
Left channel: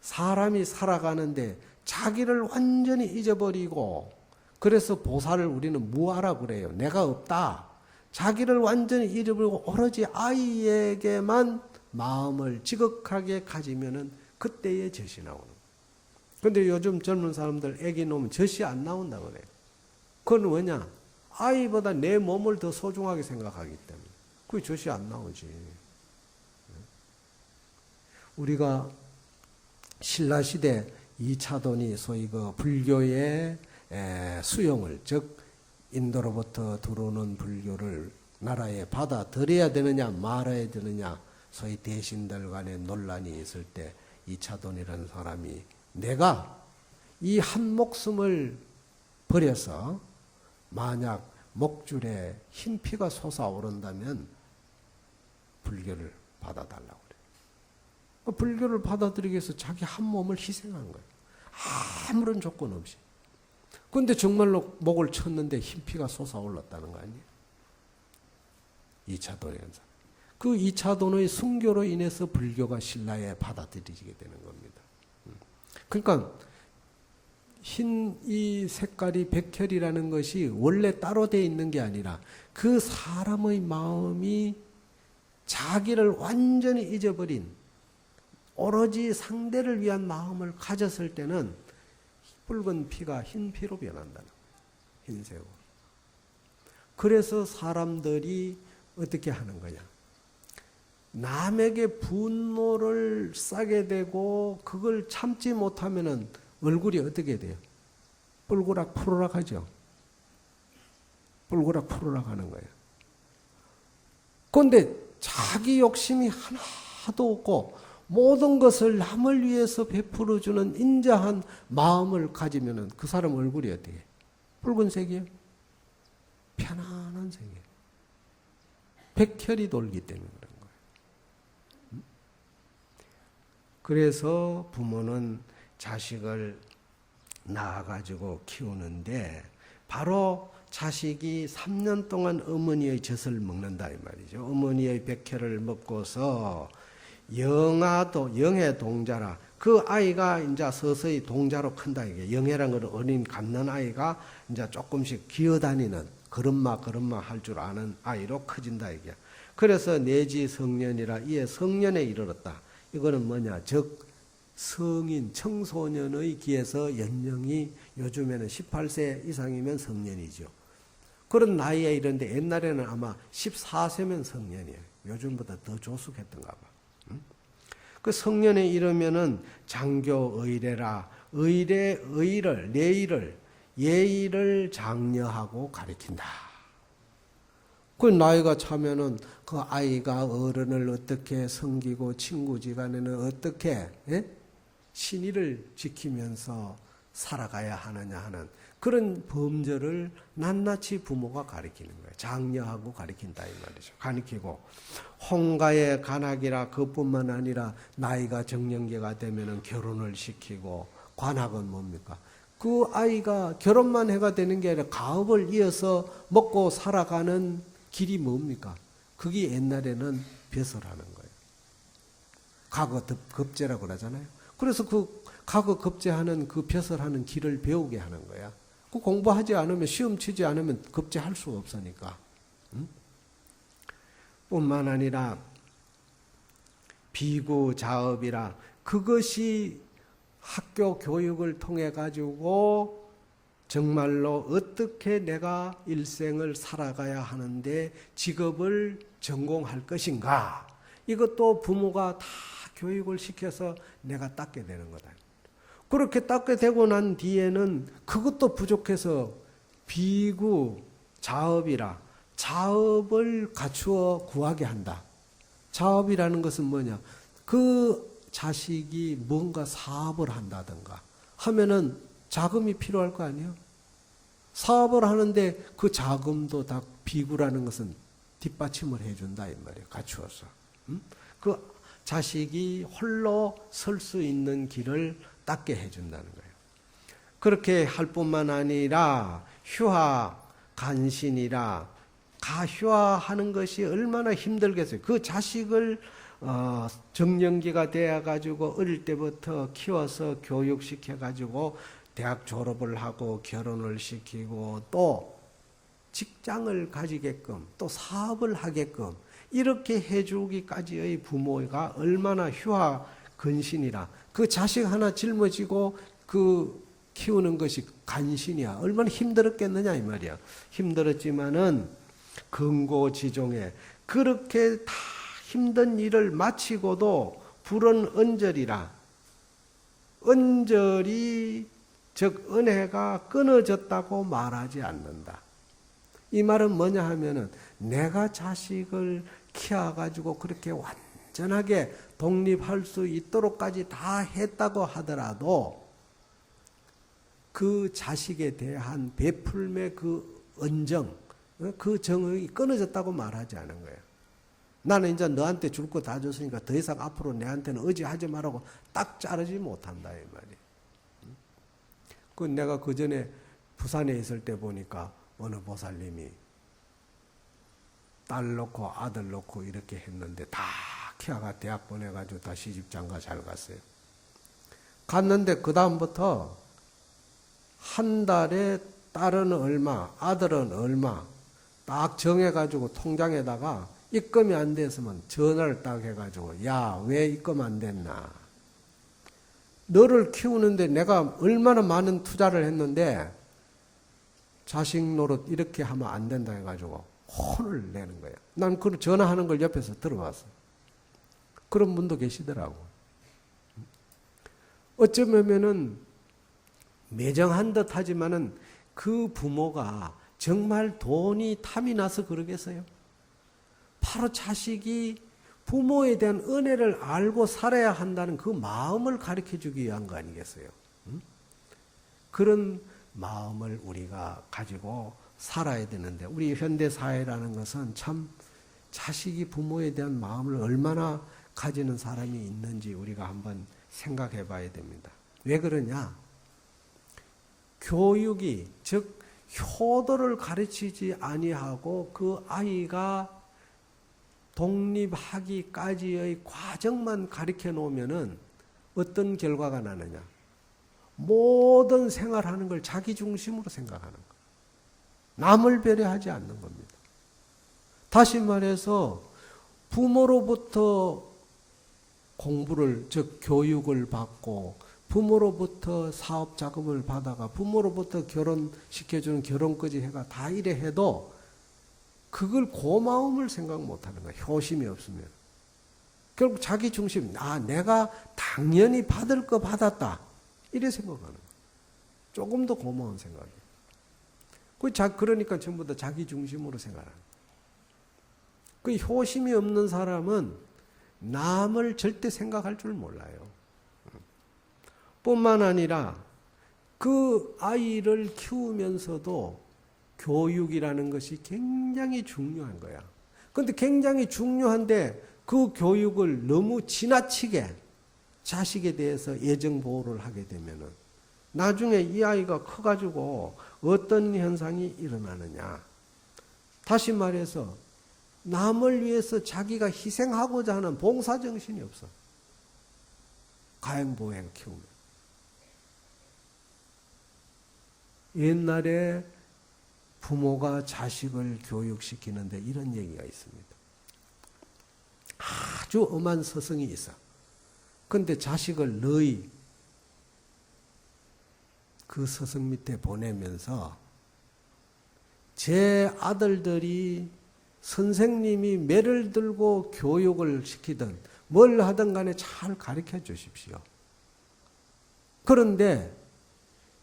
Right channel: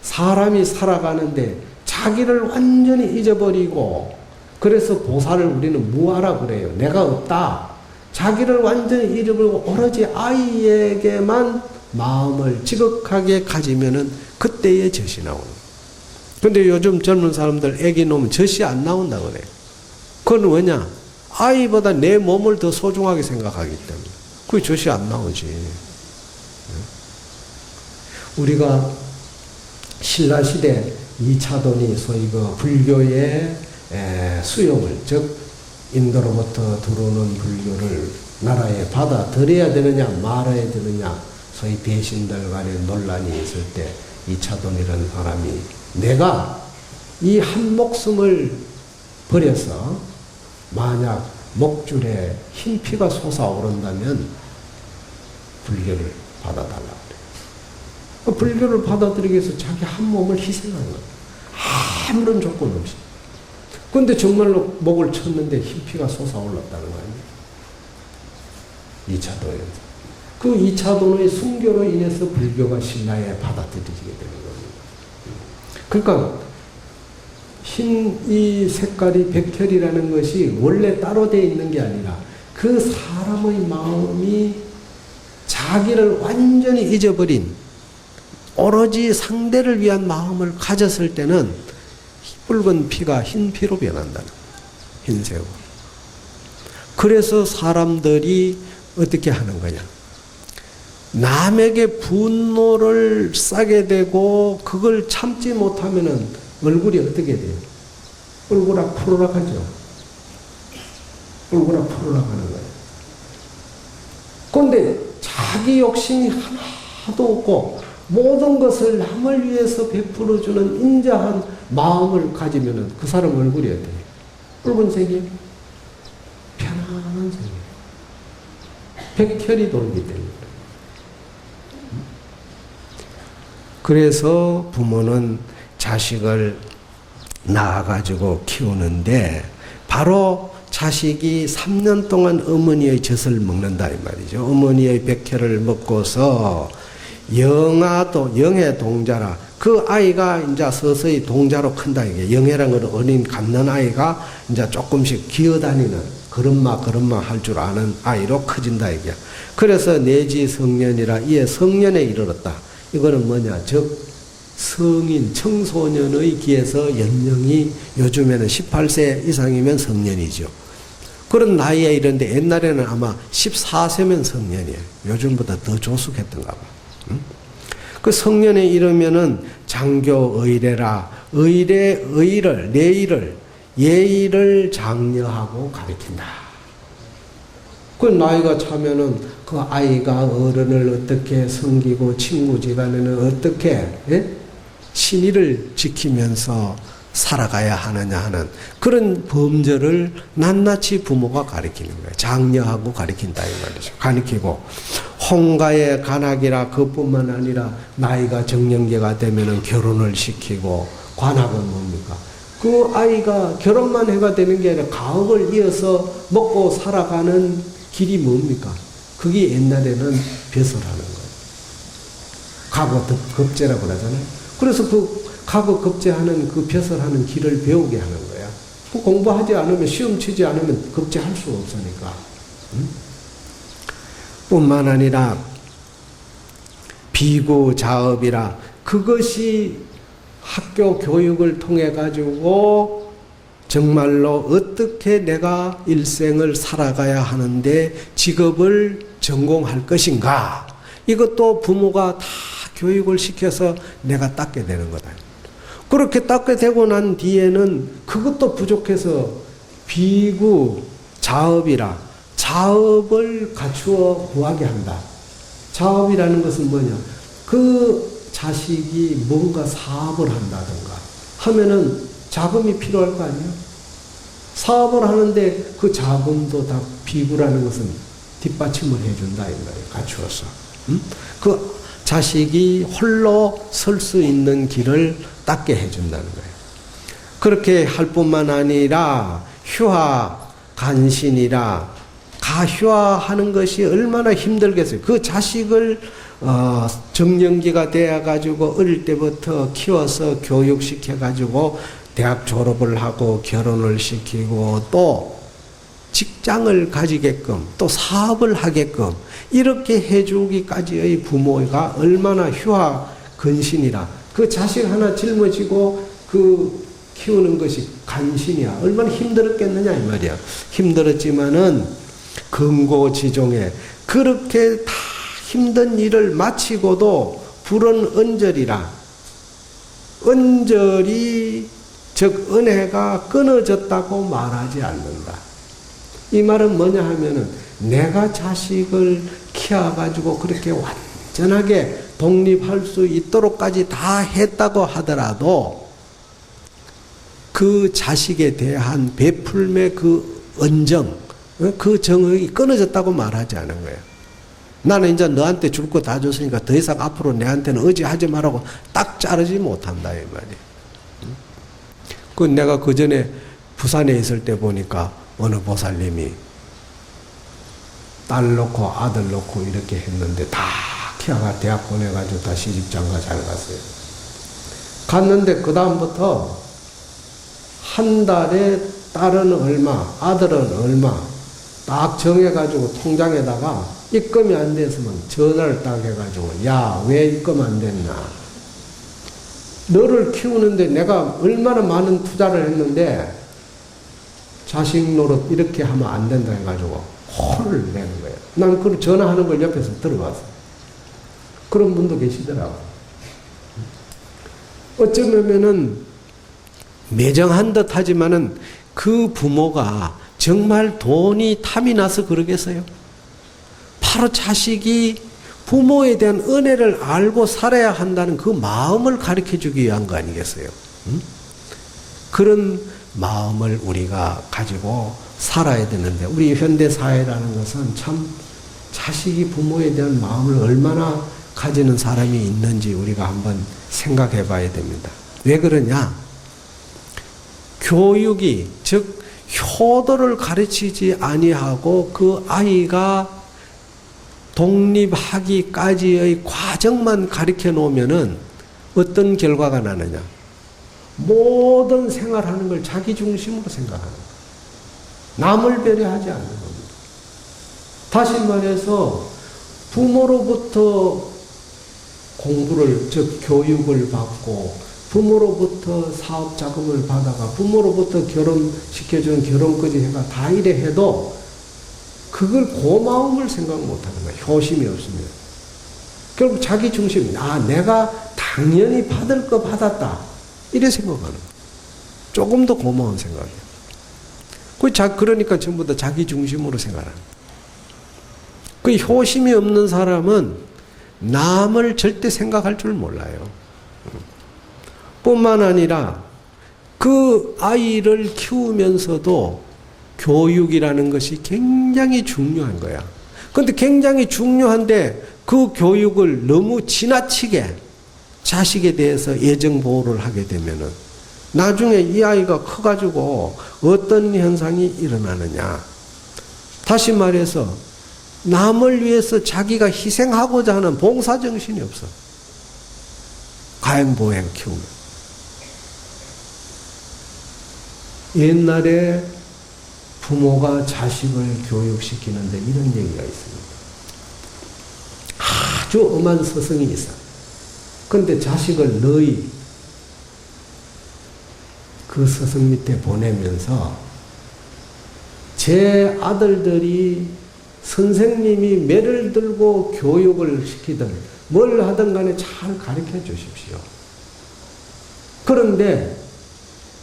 사람이 살아가는데 자기를 완전히 잊어버리고, 그래서 보살을 우리는 무아라 그래요. 내가 없다. 자기를 완전히 잃어버리고 오로지 아이에게만 마음을 지극하게 가지면은 그때의 젖이 나오는 거예요. 근데 요즘 젊은 사람들 애기 놓으면 젖이 안 나온다 그래요. 그건 왜냐? 아이보다 내 몸을 더 소중하게 생각하기 때문에. 그게 젖이 안 나오지. 우리가 신라시대 2차돈이 소위 그 불교의 수용을, 즉 인도로부터 들어오는 불교를 나라에 받아들여야 되느냐 말아야 되느냐, 소위 대신들 간의 논란이 있을 때 2차돈이라는 사람이 내가 이 한 목숨을 버려서 만약 목줄에 흰 피가 솟아오른다면 불교를 받아달라 그래요. 불교를 받아들이기 위해서 자기 한 몸을 희생한 거예요. 아무런 조건 없이. 그런데 정말로 목을 쳤는데 흰 피가 솟아올랐다는 거 아니에요? 2차도에서. 그 2차도의 순교로 인해서 불교가 신라에 받아들여지게 되는 겁니다. 그러니까 이 색깔이 백혈이라는 것이 원래 따로 되어 있는 게 아니라 그 사람의 마음이 자기를 완전히 잊어버린 오로지 상대를 위한 마음을 가졌을 때는 붉은 피가 흰 피로 변한다는 거예요. 흰색으로. 그래서 사람들이 어떻게 하는 거냐. 남에게 분노를 싸게 되고 그걸 참지 못하면은 얼굴이 어떻게 돼요? 뿔구락 푸르락 하죠. 뿔구락 푸르락 하는 거예요. 그런데 자기 욕심이 하나도 없고 모든 것을 남을 위해서 베풀어주는 인자한 마음을 가지면은 그 사람 얼굴이 어때요? 붉은색이에요? 편안한 색이에요. 백혈이 돌기 때문에. 그래서 부모는 자식을 낳아가지고 키우는데 바로 자식이 3년 동안 어머니의 젖을 먹는다 이 말이죠. 어머니의 백혈을 먹고서 영해 동자라. 그 아이가 이제 서서히 동자로 큰다 이게. 영해란 건 어린 갓난 아이가 이제 조금씩 기어다니는 걸음마 할 줄 아는 아이로 커진다 이게. 그래서 내지 성년이라 이에 성년에 이르렀다. 이거는 뭐냐? 즉 성인 청소년의 기에서 연령이 요즘에는 18세 이상이면 성년이죠. 그런 나이에 이른데 옛날에는 아마 14세면 성년이에요. 요즘보다 더 조숙했던가 봐. 그 성년에 이르면은 장교 의례라. 의를 내의를 예의를 장려하고 가르친다. 그 나이가 차면은 그 아이가 어른을 어떻게 섬기고 친구 집안에는 어떻게 신의를 지키면서 살아가야 하느냐 하는 그런 범절을 낱낱이 부모가 가르치는 거예요. 장려하고 가르친다 이 말이죠. 가르치고 홍가의 관학이라 그뿐만 아니라 나이가 정년기가 되면은 결혼을 시키고 관학은 뭡니까? 그 아이가 결혼만 해가 되는 게 아니라 가업을 이어서 먹고 살아가는 길이 뭡니까? 그게 옛날에는 벼슬하는 거예요. 가거급제라고 그러잖아요. 그래서 그 가거급제하는 그 벼슬하는 길을 배우게 하는 거야. 그 공부하지 않으면 시험 치지 않으면 급제할 수 없으니까. 뿐만 아니라 비구 자업이라 그것이 학교 교육을 통해 가지고 정말로 어떻게 내가 일생을 살아가야 하는데 직업을 전공할 것인가. 이것도 부모가 다 교육을 시켜서 내가 닦게 되는 거다. 그렇게 닦게 되고 난 뒤에는 그것도 부족해서 비구 자업이라 자업을 갖추어 구하게 한다. 자업이라는 것은 뭐냐? 그 자식이 뭔가 사업을 한다든가 하면은 자금이 필요할 거 아니에요? 사업을 하는데 그 자금도 다 비구라는 것은 뒷받침을 해준다 이 말이에요. 갖추어서. 그 자식이 홀로 설 수 있는 길을 닦게 해준다는 거예요. 그렇게 할 뿐만 아니라 휴하 간신이라 가휴하하는 것이 얼마나 힘들겠어요. 그 자식을 정년기가 되어가지고 어릴 때부터 키워서 교육시켜가지고 대학 졸업을 하고 결혼을 시키고 또 직장을 가지게끔 또 사업을 하게끔 이렇게 해주기까지의 부모가 얼마나 휴하 근신이라 그 자식 하나 짊어지고 그 키우는 것이 간신이야. 얼마나 힘들었겠느냐 이 말이야. 힘들었지만은 근고지종에 그렇게 다 힘든 일을 마치고도 불은 언저리라. 언저리 즉 은혜가 끊어졌다고 말하지 않는다. 이 말은 뭐냐 하면은 내가 자식을 키워가지고 그렇게 완전하게 독립할 수 있도록까지 다 했다고 하더라도 그 자식에 대한 베풀매 그 언정, 그 정이 끊어졌다고 말하지 않은 거예요. 나는 이제 너한테 줄 거 다 줬으니까 더 이상 앞으로 내한테는 의지하지 말라고 딱 자르지 못한다 이 말이에요. 그 내가 그 전에 부산에 있을 때 보니까 어느 보살님이 딸 놓고 아들 놓고 이렇게 했는데 다 키아가 대학 보내가지고 다 시집장가 잘 갔어요. 갔는데 그 다음부터 한 달에 딸은 얼마, 아들은 얼마 딱 정해가지고 통장에다가 입금이 안 됐으면 전화를 딱 해가지고 야, 왜 입금 안 됐나? 너를 키우는데 내가 얼마나 많은 투자를 했는데 자식 노릇 이렇게 하면 안 된다 해가지고 혼을 내는 거예요. 난 그 전화하는 걸 옆에서 들어봤어요. 그런 분도 계시더라고요. 어쩌면은 매정한 듯 하지만은 그 부모가 정말 돈이 탐이 나서 그러겠어요? 바로 자식이 부모에 대한 은혜를 알고 살아야 한다는 그 마음을 가르쳐 주기 위한 거 아니겠어요? 그런 마음을 우리가 가지고 살아야 되는데 우리 현대사회라는 것은 참 자식이 부모에 대한 마음을 얼마나 가지는 사람이 있는지 우리가 한번 생각해 봐야 됩니다. 왜 그러냐? 교육이 즉 효도를 가르치지 아니하고 그 아이가 독립하기까지의 과정만 가르쳐 놓으면은 어떤 결과가 나느냐? 모든 생활하는 걸 자기 중심으로 생각하는 거예요. 남을 배려하지 않는 겁니다. 다시 말해서 부모로부터 공부를 즉 교육을 받고 부모로부터 사업 자금을 받아가 부모로부터 결혼시켜주는 결혼까지 해가 다 이래 해도 그걸 고마움을 생각 못하는 거예요. 효심이 없으면. 결국 자기 중심, 내가 당연히 받을 거 받았다. 이래 생각하는 거예요. 조금 더 고마운 생각이에요. 그러니까 전부 다 자기 중심으로 생각하는 거예요. 그 효심이 없는 사람은 남을 절대 생각할 줄 몰라요. 뿐만 아니라 그 아이를 키우면서도 교육이라는 것이 굉장히 중요한 거야. 그런데 굉장히 중요한데 그 교육을 너무 지나치게 자식에 대해서 애정 보호를 하게 되면은 나중에 이 아이가 커가지고 어떤 현상이 일어나느냐. 다시 말해서 남을 위해서 자기가 희생하고자 하는 봉사정신이 없어. 가행보행 키우면. 옛날에 부모가 자식을 교육시키는데 이런 얘기가 있습니다. 아주 엄한 스승이 있어. 근데 자식을 너희 그 스승 밑에 보내면서 제 아들들이 선생님이 매를 들고 교육을 시키든 뭘 하든 간에 잘 가르쳐 주십시오. 그런데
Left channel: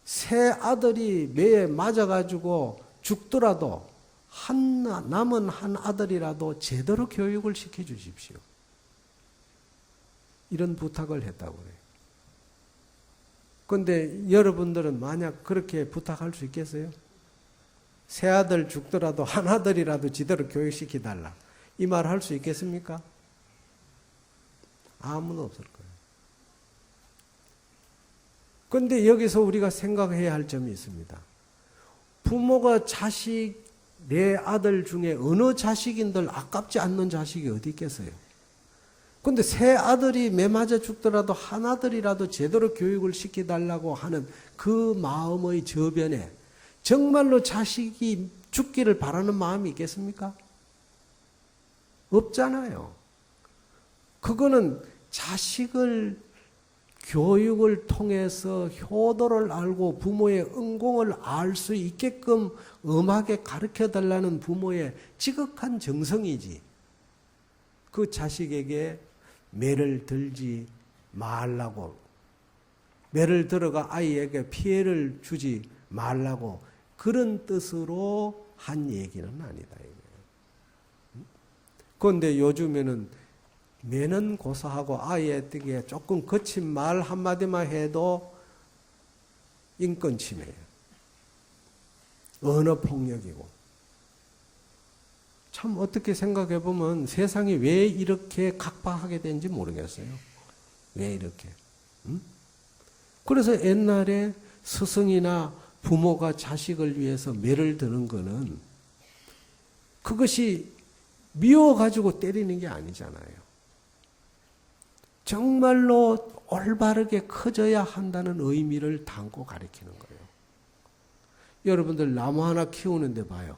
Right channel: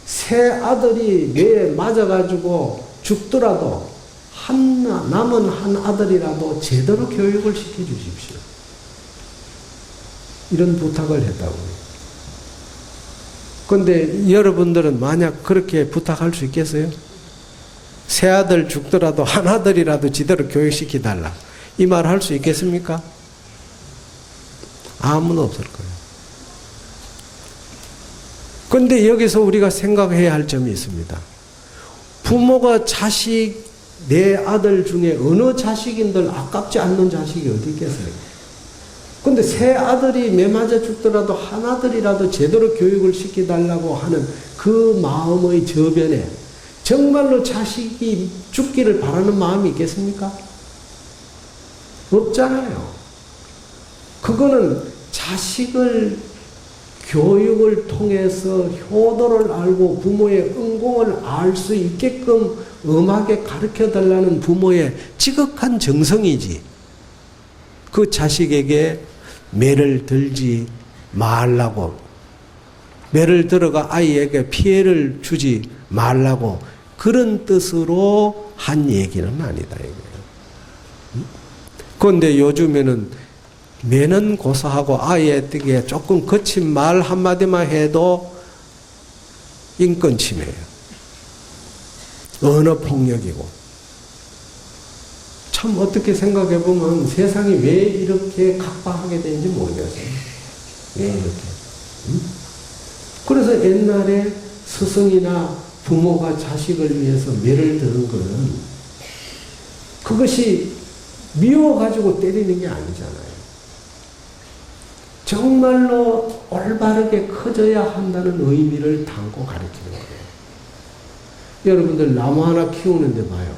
새 아들이 매에 맞아가지고 죽더라도 남은 한 아들이라도 제대로 교육을 시켜주십시오. 이런 부탁을 했다고요. 그런데 여러분들은 만약 그렇게 부탁할 수 있겠어요? 새 아들 죽더라도 한 아들이라도 제대로 교육시켜달라. 이 말 할 수 있겠습니까? 아무도 없을 거예요. 그런데 여기서 우리가 생각해야 할 점이 있습니다. 부모가 내 아들 중에 어느 자식인들 아깝지 않는 자식이 어디 있겠어요? 근데 새 아들이 매 맞아 죽더라도 한 아들이라도 제대로 교육을 시켜달라고 하는 그 마음의 저변에 정말로 자식이 죽기를 바라는 마음이 있겠습니까? 없잖아요. 그거는 자식을 교육을 통해서 효도를 알고 부모의 은공을 알 수 있게끔 엄하게 가르쳐달라는 부모의 지극한 정성이지. 그 자식에게 매를 들지 말라고, 매를 들어가 아이에게 피해를 주지 말라고 그런 뜻으로 한 얘기는 아니다 이거예요. 그런데 요즘에는 매는 고사하고 아이에게 조금 거친 말 한마디만 해도 인권 침해예요. 언어 폭력이고. 참 어떻게 생각해 보면 세상이 왜 이렇게 각박하게 되는지 모르겠어요. 왜 이렇게. 그래서 옛날에 스승이나 부모가 자식을 위해서 매를 드는 것은 그것이 미워가지고 때리는 게 아니잖아요. 정말로 올바르게 커져야 한다는 의미를 담고 가르치는 거예요. 여러분들 나무 하나 키우는데 봐요.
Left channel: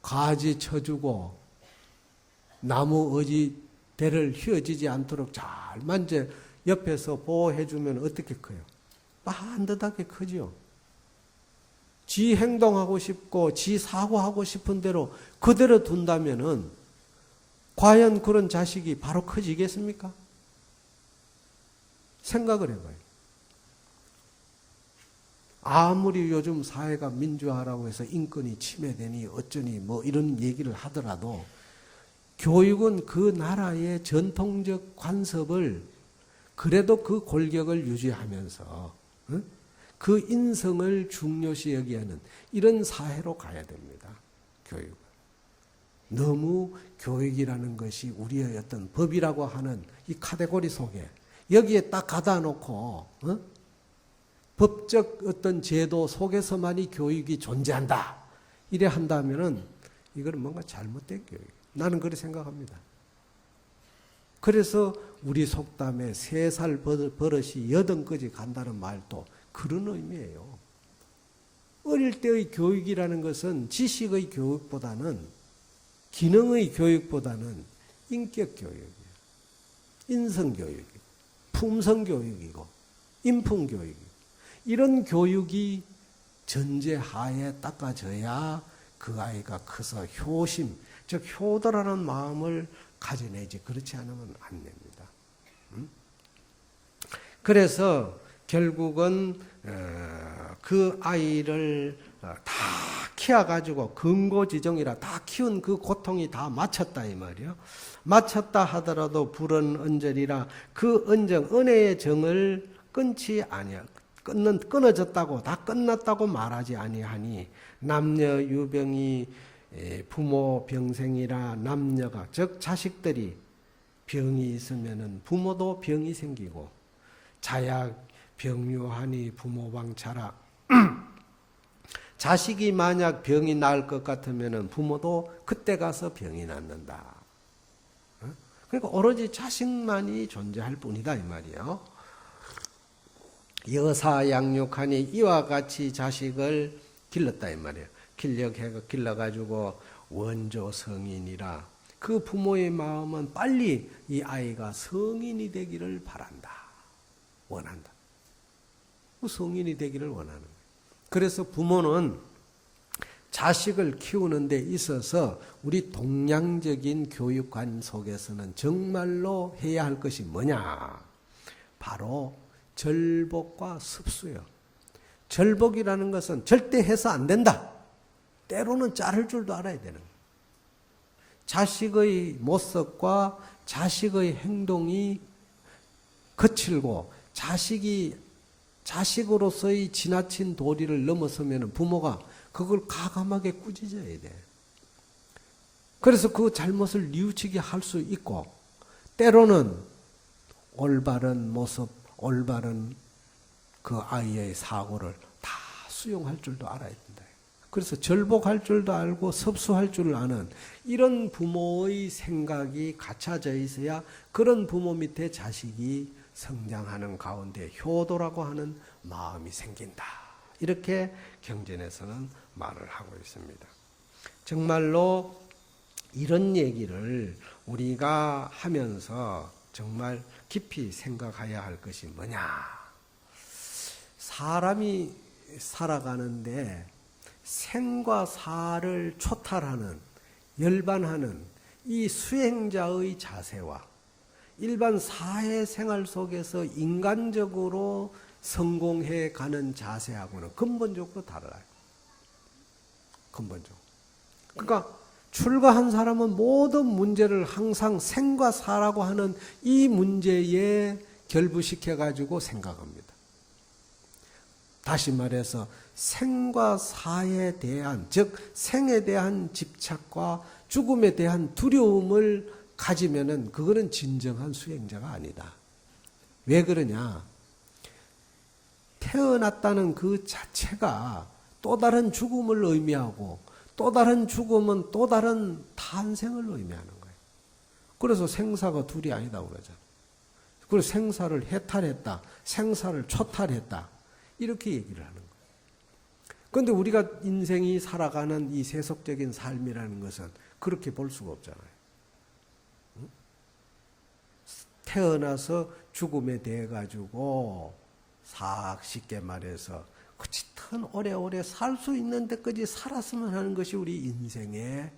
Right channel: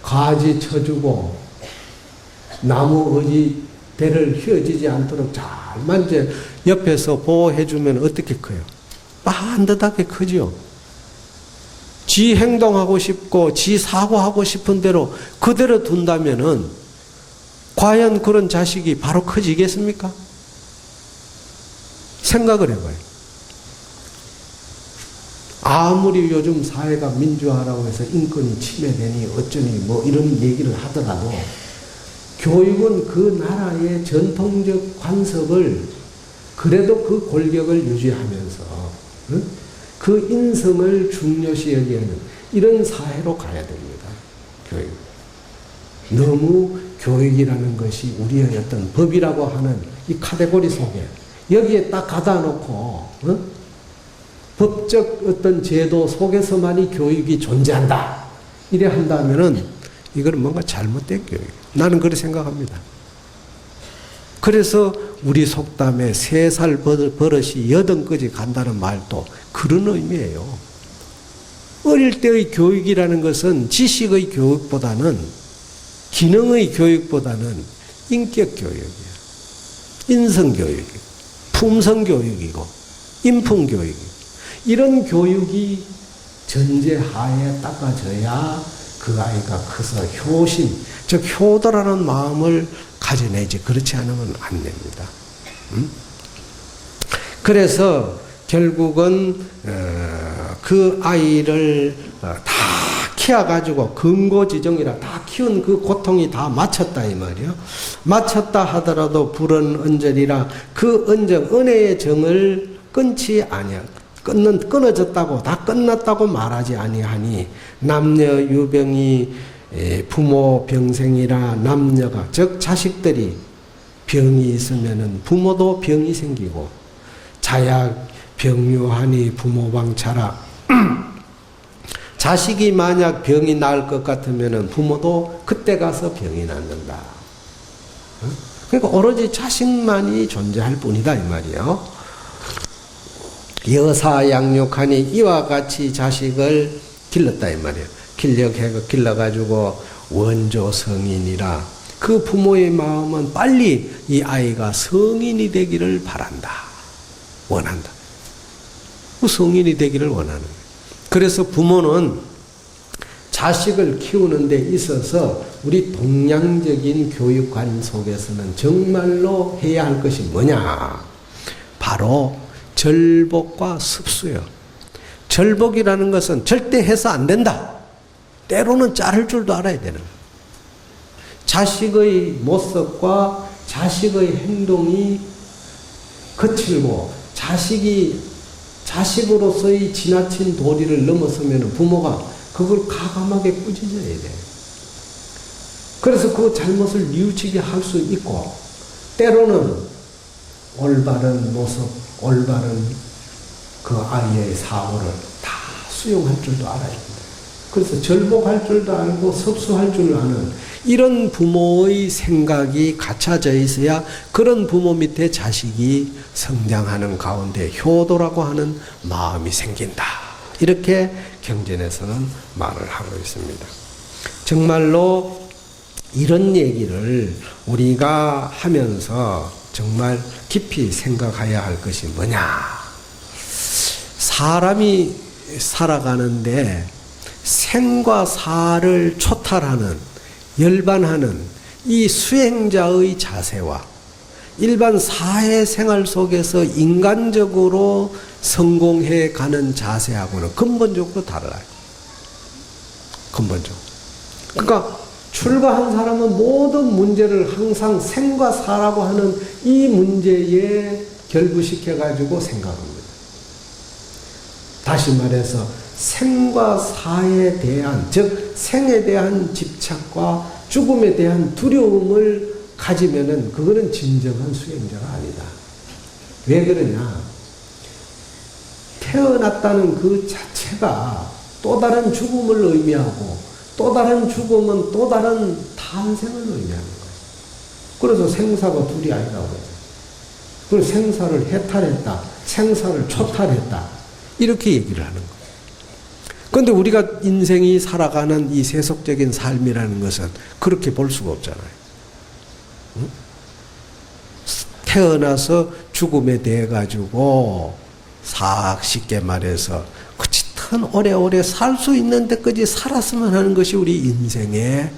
가지 쳐주고 나무 대를 휘어지지 않도록 잘만 이제 옆에서 보호해주면 어떻게 커요? 반듯하게 크죠. 지 행동하고 싶고 지 사고하고 싶은 대로 그대로 둔다면은 과연 그런 자식이 바로 커지겠습니까? 생각을 해봐요. 아무리 요즘 사회가 민주화라고 해서 인권이 침해되니 어쩌니 뭐 이런 얘기를 하더라도 교육은 그 나라의 전통적 관습을 그래도 그 골격을 유지하면서 그 인성을 중요시 여기는 이런 사회로 가야 됩니다. 교육. 너무 교육이라는 것이 우리의 어떤 법이라고 하는 이 카테고리 속에 여기에 딱 가다 놓고 법적 어떤 제도 속에서만이 교육이 존재한다. 이래 한다면은 이거는 뭔가 잘못된 교육. 나는 그렇게 생각합니다. 그래서 우리 속담에 3살 버릇이 8까지 간다는 말도 그런 의미예요. 어릴 때의 교육이라는 것은 지식의 교육보다는 기능의 교육보다는 인격 교육이에요. 인성 교육이고 품성 교육이고 인품 교육이고 이런 교육이 전제하에 닦아져야 그 아이가 커서 효심, 즉 효도라는 마음을 가져내지. 그렇지 않으면 안 됩니다. 그래서 결국은 그 아이를 다 키워가지고 금고지정이라 다 키운 그 고통이 다 마쳤다 이 말이요. 마쳤다 하더라도 불은 언저리라 그 언적 은혜의 정을 끊지 아니하. 끊어졌다고 다 끝났다고 말하지 아니하니 남녀 유병이 부모 병생이라 남녀가 즉 자식들이 병이 있으면은 부모도 병이 생기고 자약 병유하니 부모방차라 자식이 만약 병이 나을 것 같으면은 부모도 그때 가서 병이 낫는다. 그러니까 오로지 자식만이 존재할 뿐이다 이 말이에요. 여사 양육하니 이와 같이 자식을 길렀다 이 말이에요. 길러가지고 원조 성인이라 그 부모의 마음은 빨리 이 아이가 성인이 되기를 바란다. 원한다. 그 성인이 되기를 원하는 거예요. 그래서 부모는 자식을 키우는 데 있어서 우리 동양적인 교육관 속에서는 정말로 해야 할 것이 뭐냐? 바로 절복과 습수요. 절복이라는 것은 절대 해서 안 된다. 때로는 자를 줄도 알아야 되는 거예요. 자식의 모습과 자식의 행동이 거칠고 자식으로서의 지나친 도리를 넘어서면 부모가 그걸 과감하게 꾸짖어야 돼. 그래서 그 잘못을 뉘우치게 할 수 있고, 때로는 올바른 모습, 올바른 그 아이의 사고를 다 수용할 줄도 알아야 된다. 그래서 절복할 줄도 알고 섭수할 줄 아는 이런 부모의 생각이 갖춰져 있어야 그런 부모 밑에 자식이 성장하는 가운데 효도라고 하는 마음이 생긴다. 이렇게 경전에서는 말을 하고 있습니다. 정말로 이런 얘기를 우리가 하면서 정말 깊이 생각해야 할 것이 뭐냐. 사람이 살아가는데 생과 사를 초탈하는, 열반하는 이 수행자의 자세와 일반 사회생활 속에서 인간적으로 성공해 가는 자세하고는 근본적으로 달라요. 근본적으로. 그러니까 출가한 사람은 모든 문제를 항상 생과 사라고 하는 이 문제에 결부시켜가지고 생각합니다. 다시 말해서 생과 사에 대한, 즉 생에 대한 집착과 죽음에 대한 두려움을 가지면은 그거는 진정한 수행자가 아니다. 왜 그러냐? 태어났다는 그 자체가 또 다른 죽음을 의미하고 또 다른 죽음은 또 다른 탄생을 의미하는 거예요. 그래서 생사가 둘이 아니라고 그래요. 그래서 생사를 해탈했다, 생사를 초탈했다, 이렇게 얘기를 하는 거예요. 그런데 우리가 인생이 살아가는 이 세속적인 삶이라는 것은 그렇게 볼 수가 없잖아요. 응? 태어나서 죽음에 대해 가지고 쉽게 말해서 그 짙은 오래오래 살 수 있는 데까지 살았으면 하는 것이 우리 인생의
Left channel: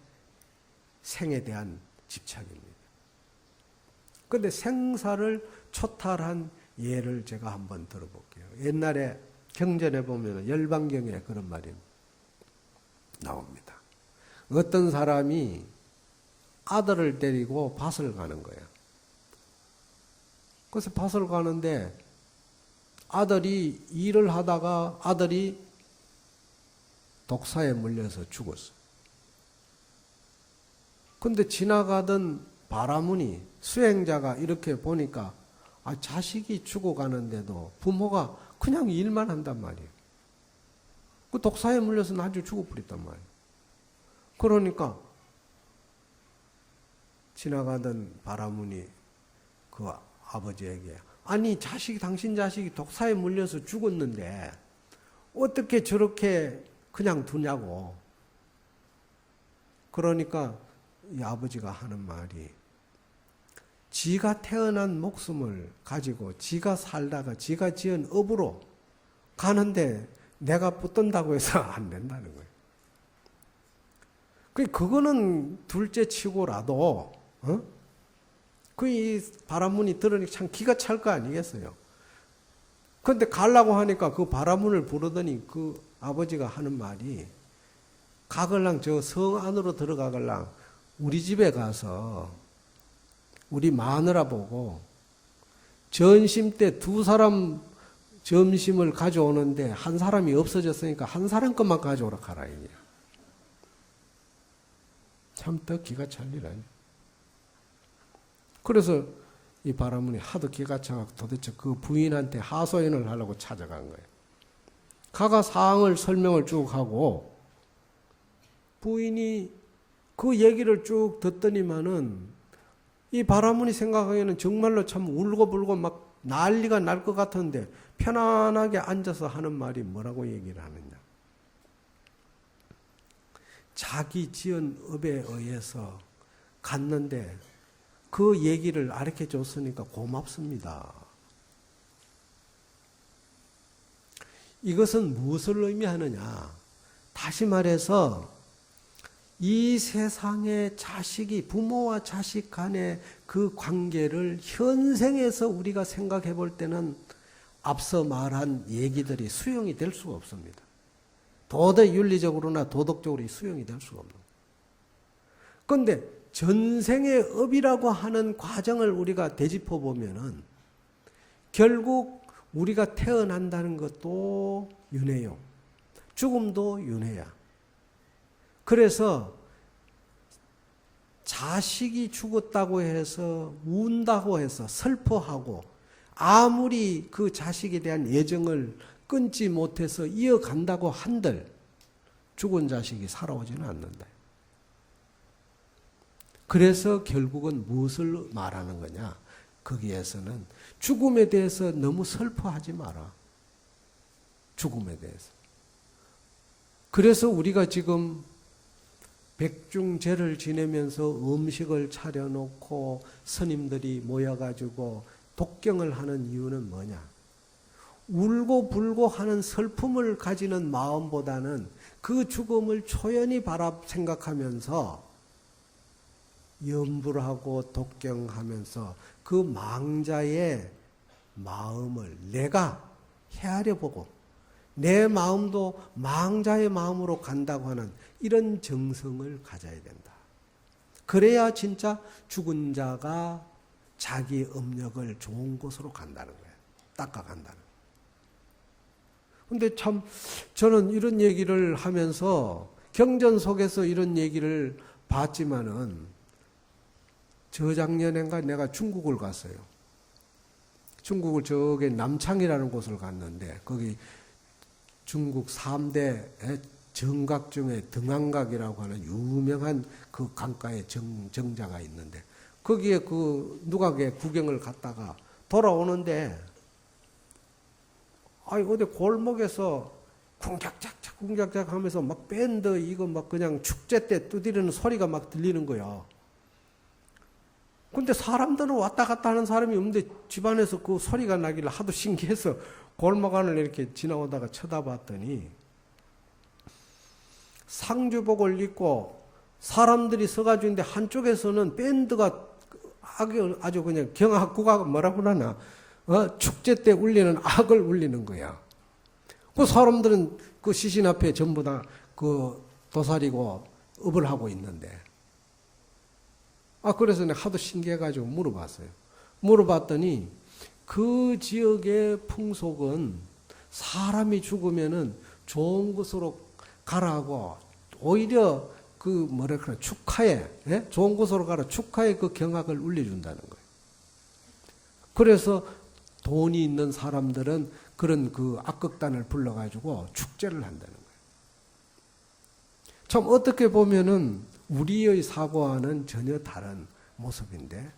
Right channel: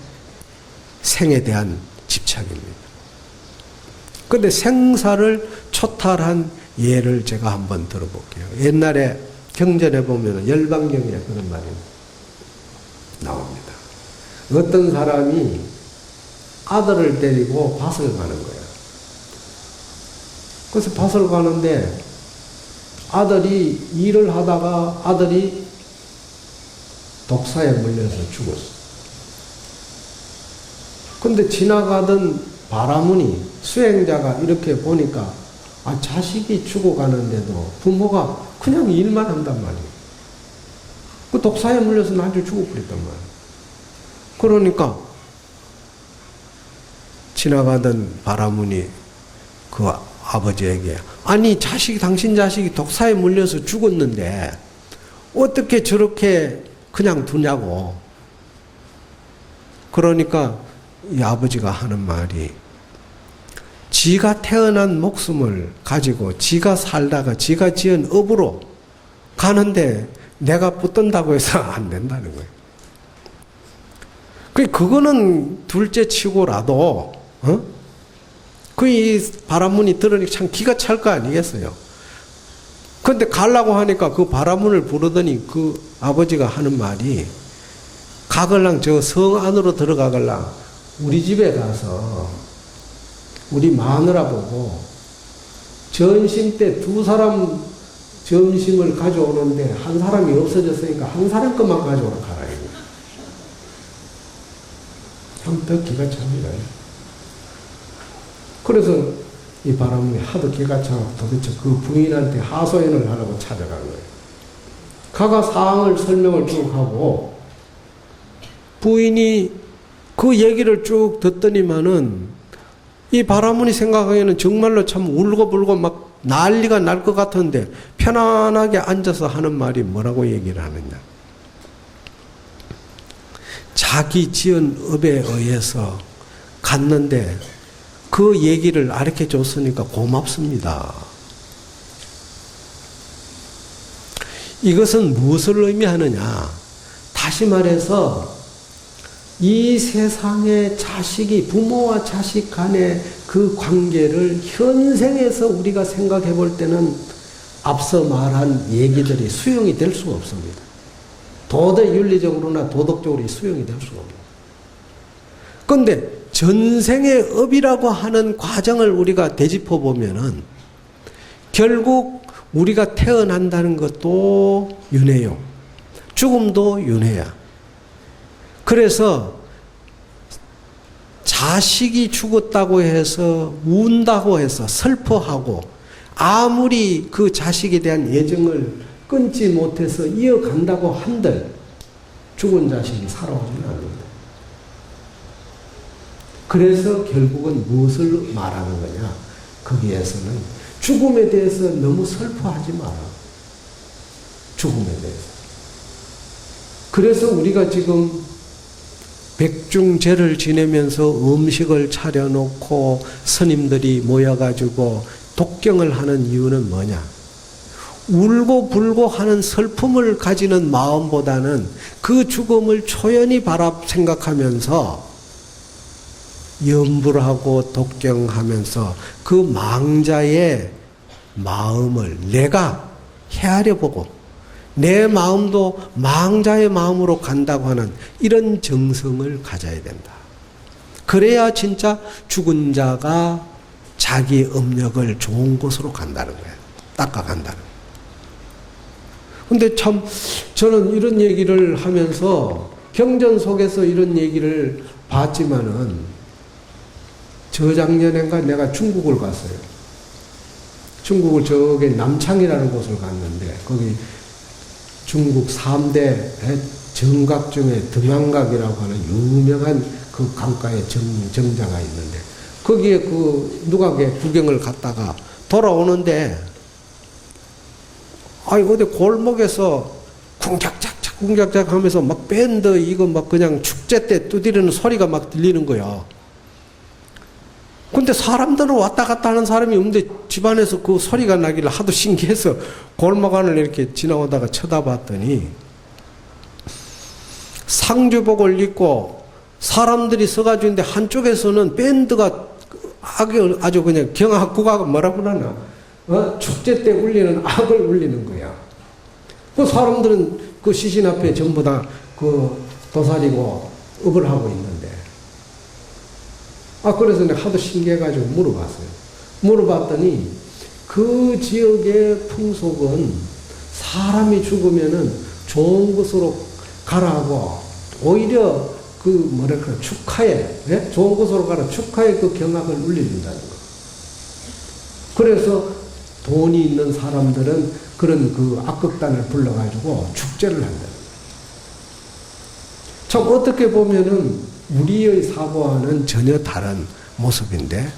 생에 대한 집착입니다. 그런데 생사를 초탈한 예를 제가 한번 들어볼게요. 옛날에 경전에 보면 열반경에 그런 말이 나옵니다. 어떤 사람이 아들을 데리고 밭을 가는 거예요. 그래서 밭을 가는데 아들이 일을 하다가 아들이 독사에 물려서 죽었어. 근데 지나가던 바라문이 수행자가 이렇게 보니까 자식이 죽어가는데도 부모가 그냥 일만 한단 말이에요. 그 독사에 물려서 나중에 죽어버렸단 말이에요. 그러니까 지나가던 바라문이 그 아버지에게 당신 자식이 독사에 물려서 죽었는데 어떻게 저렇게 그냥 두냐고. 그러니까 이 아버지가 하는 말이, 지가 태어난 목숨을 가지고 지가 살다가 지가 지은 업으로 가는데 내가 붙든다고 해서 안 된다는 거예요. 그거는 둘째 치고라도 이 바라문이 들으니까 참 기가 찰 거 아니겠어요. 그런데 가려고 하니까 그 바라문을 부르더니 그 아버지가 하는 말이, 가걸랑 저 성 안으로 들어가걸랑 우리 집에 가서 우리 마누라 보고 전심 때 두 사람 점심을 가져오는데 한 사람이 없어졌으니까 한 사람 것만 가져오라 가라. 참 기가 찹니다. 그래서 이 바람이 하도 기가 차고 도대체 그 부인한테 하소연을 하라고 찾아간 거예요. 가가 사항을 설명을 쭉 하고 부인이 그 얘기를 쭉 듣더니만은 이 바라문이 생각하기에는 정말로 참 울고불고 막 난리가 날 것 같은데 편안하게 앉아서 하는 말이 뭐라고 얘기를 하느냐. 자기 지은 업에 의해서 갔는데 그 얘기를 가르쳐 줬으니까 고맙습니다. 이것은 무엇을 의미하느냐? 다시 말해서 이 세상의 자식이 부모와 자식 간의 그 관계를 현생에서 우리가 생각해 볼 때는 앞서 말한 얘기들이 수용이 될 수가 없습니다. 도덕 윤리적으로나 도덕적으로 수용이 될 수가 없습니다. 그런데 전생의 업이라고 하는 과정을 우리가 되짚어 보면은 결국 우리가 태어난다는 것도 윤회요. 죽음도 윤회야. 그래서 자식이 죽었다고 해서 운다고 해서 슬퍼하고 아무리 그 자식에 대한 애정을 끊지 못해서 이어간다고 한들 죽은 자식이 살아오지는 않는다. 그래서 결국은 무엇을 말하는 거냐? 거기에서는 죽음에 대해서 너무 슬퍼하지 마라. 죽음에 대해서. 그래서 우리가 지금 백중제를 지내면서 음식을 차려놓고 스님들이 모여가지고 독경을 하는 이유는 뭐냐? 울고 불고 하는 슬픔을 가지는 마음보다는 그 죽음을 초연히 생각하면서 염불하고 독경하면서 그 망자의 마음을 내가 헤아려 보고 내 마음도 망자의 마음으로 간다고 하는 이런 정성을 가져야 된다. 그래야 진짜 죽은 자가 자기 업력을 좋은 곳으로 간다는 거예요. 닦아간다는 거예요. 근데 참 저는 이런 얘기를 하면서 경전 속에서 이런 얘기를 봤지만은 저작년인가 내가 중국을 갔어요. 중국을 저기 남창이라는 곳을 갔는데 거기 중국 3대 정각 중에 등한각이라고 하는 유명한 그 강가에 정자가 있는데 거기에 그 누각에 구경을 갔다가 돌아오는데 어디 골목에서 쿵짝짝 하면서 막 밴드 이거 막 그냥 축제 때 두드리는 소리가 막 들리는 거야. 근데 사람들은 왔다 갔다 하는 사람이 없는데 집안에서 그 소리가 나길래 하도 신기해서 골목 안을 이렇게 지나오다가 쳐다봤더니 상주복을 입고 사람들이 서가지고 있는데 한쪽에서는 밴드가 아주 그냥 경악구가 뭐라고 하나 축제 때 울리는 악을 울리는 거야. 그 사람들은 그 시신 앞에 전부 다 그 도사리고 업을 하고 있는데 그래서 내가 하도 신기해가지고 물어봤어요. 물어봤더니 그 지역의 풍속은 사람이 죽으면은 좋은 곳으로 가라고 오히려 그 뭐랄까 축하에 좋은 곳으로 가라 축하에 그 경악을 울린다는 거. 그래서 돈이 있는 사람들은 그런 그 악극단을 불러가지고 축제를 한다. 참 어떻게 보면은 우리의 사고와는 전혀 다른 모습인데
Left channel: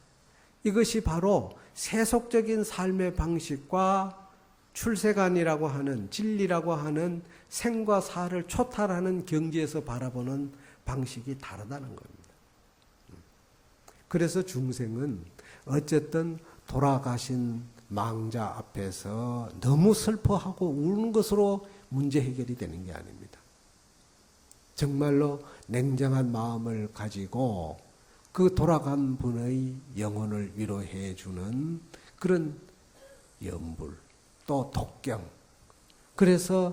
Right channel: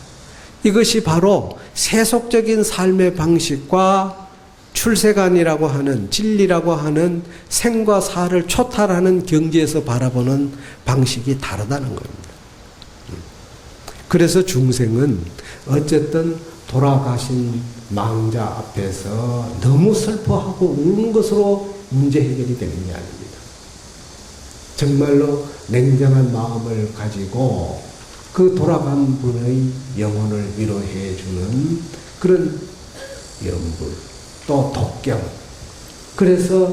이것이 바로 세속적인 삶의 방식과 출세관이라고 하는 진리라고 하는 생과 사를 초탈하는 경지에서 바라보는 방식이 다르다는 겁니다. 그래서 중생은 어쨌든 돌아가신 망자 앞에서 너무 슬퍼하고 우는 것으로 문제 해결이 되는 게 아닙니다. 정말로 냉정한 마음을 가지고 그 돌아간 분의 영혼을 위로해 주는 그런 염불, 또 독경. 그래서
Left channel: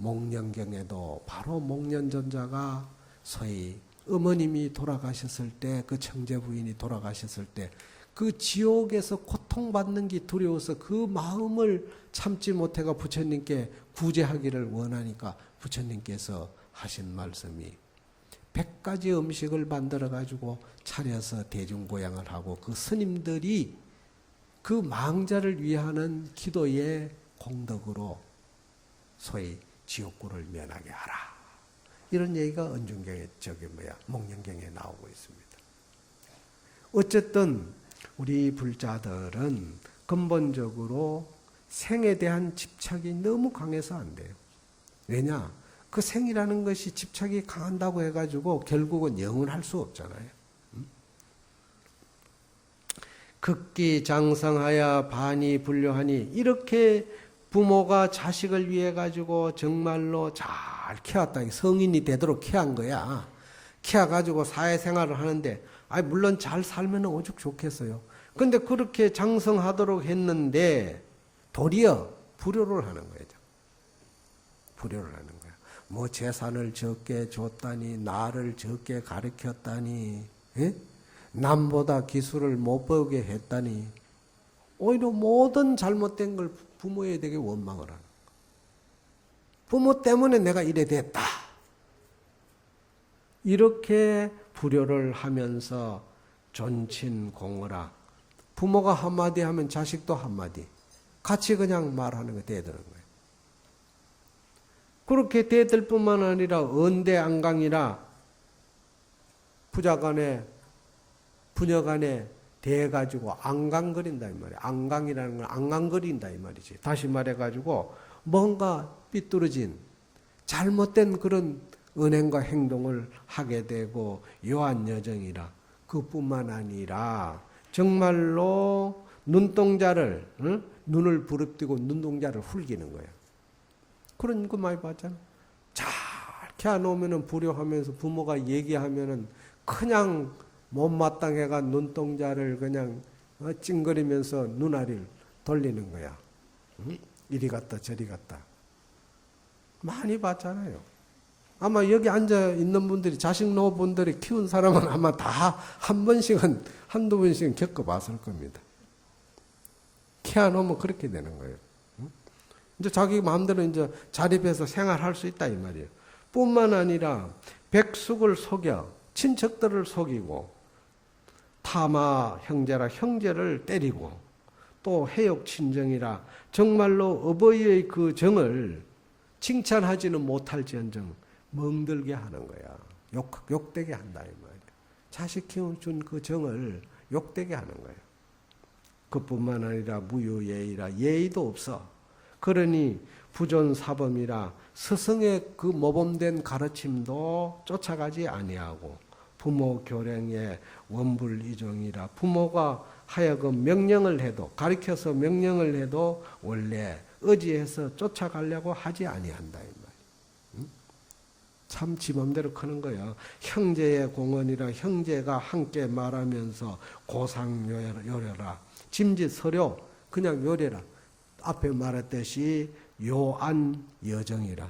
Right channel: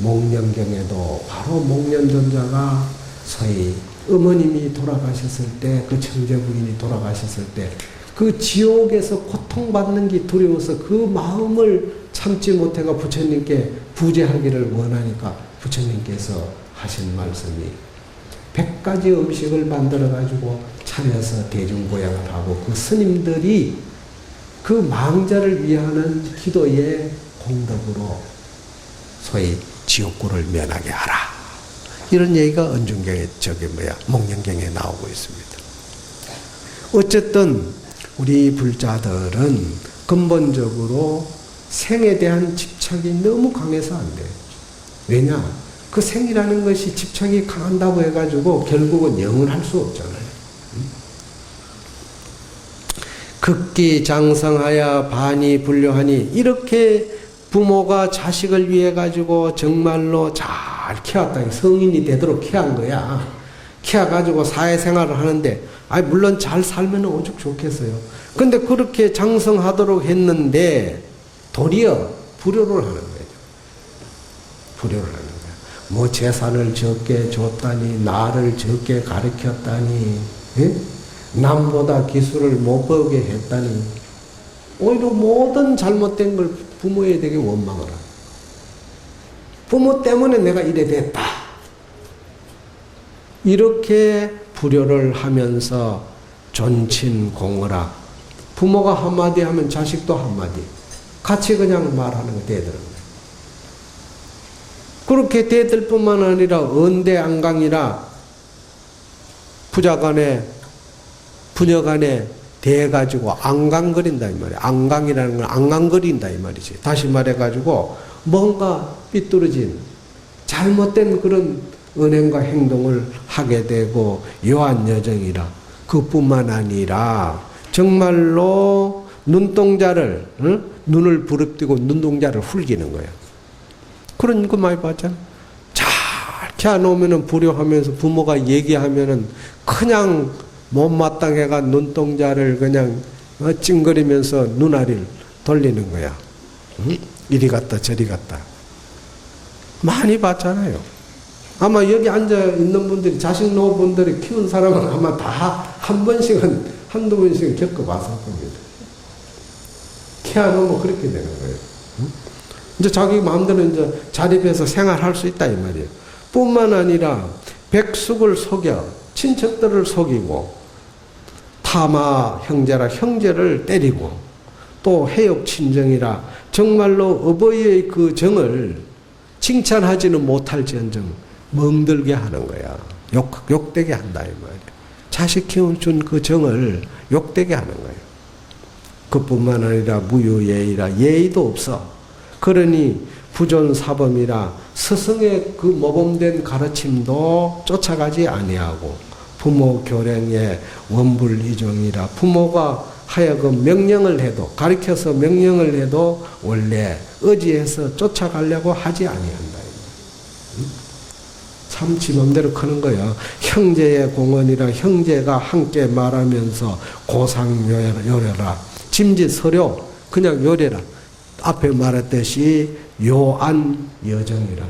목련경에도 바로 목련존자가 서희 어머님이 돌아가셨을 때, 그 청제 부인이 돌아가셨을 때 그 지옥에서 고통받는 게 두려워서 그 마음을 참지 못해가 부처님께 부재하기를 원하니까 부처님께서 하신 말씀이 100가지 음식을 만들어가지고 차려서 대중보양을 하고 그 스님들이 그 망자를 위하는 기도의 공덕으로 소위 지옥고를 면하게 하라. 이런 얘기가 은중경에 목련경에 나오고 있습니다. 어쨌든 우리 불자들은 근본적으로 생에 대한 집착이 너무 강해서 안 돼요. 왜냐? 그 생이라는 것이 집착이 강한다고 해가지고 결국은 영원할 수 없잖아요. 극기 장성하여 반이 불료하니, 이렇게 부모가 자식을 위해 가지고 정말로 잘 키웠다. 성인이 되도록 키운 거야. 키워가지고 사회생활을 하는데, 물론 잘 살면 오죽 좋겠어요. 근데 그렇게 장성하도록 했는데 도리어 불효를 하는 거예요. 불효를 하는 거예요. 뭐 재산을 적게 줬다니, 나를 적게 가르쳤다니, 예? 남보다 기술을 못 배우게 했다니, 오히려 모든 잘못된 걸 부모에 되게 원망을 하고, 부모 때문에 내가 이래 됐다, 이렇게 불효를 하면서 존친공허라. 부모가 한마디 하면 자식도 한마디, 같이 그냥 말하는 거 대들은 거예요. 그렇게 대들 뿐만 아니라 언대안강이라 부자간에 부녀간에 대가지고 앙강거린다 이 말이야. 앙강이라는 건 앙강거린다 이 말이지. 다시 말해가지고 뭔가 삐뚤어진 잘못된 그런 은행과 행동을 하게 되고 요한 여정이라. 그뿐만 아니라 정말로 눈동자를, 눈을 부릅뜨고 눈동자를 훌기는 거야. 그런 거 많이 봤잖아. 잘 키워놓으면 불효하면서 부모가 얘기하면은 그냥 못마땅해가 눈동자를 그냥 찡거리면서 눈알이를 돌리는 거야. 이리 갔다 저리 갔다. 많이 봤잖아요. 아마 여기 앉아 있는 분들이, 자식 노분들이 키운 사람은 아마 다 한 번씩은, 한두 번씩은 겪어봤을 겁니다. 키워놓으면 그렇게 되는 거예요. 이제 자기 마음대로 이제 자립해서 생활할 수 있다 이 말이에요. 뿐만 아니라 백숙을 속여 친척들을 속이고, 타마 형제라 형제를 때리고, 또 해욕 친정이라 정말로 어버이의 그 정을 칭찬하지는 못할지언정 멍들게 하는 거야. 욕되게 한다 이 말이야. 자식 키워준 그 정을 욕되게 하는 거예요. 그뿐만 아니라 무유예의라, 예의도 없어. 그러니 부존사범이라 스승의 그 모범된 가르침도 쫓아가지 아니하고, 부모 교령의 원불이종이라, 부모가 하여금 명령을 해도, 가르쳐서 명령을 해도 원래 의지해서 쫓아가려고 하지 아니한다. 참 지 맘대로 크는 거야. 형제의 공언이라, 형제가 함께 말하면서 고상요래라, 짐짓 서료 그냥 요래라. 앞에 말했듯이 요안 여정이라,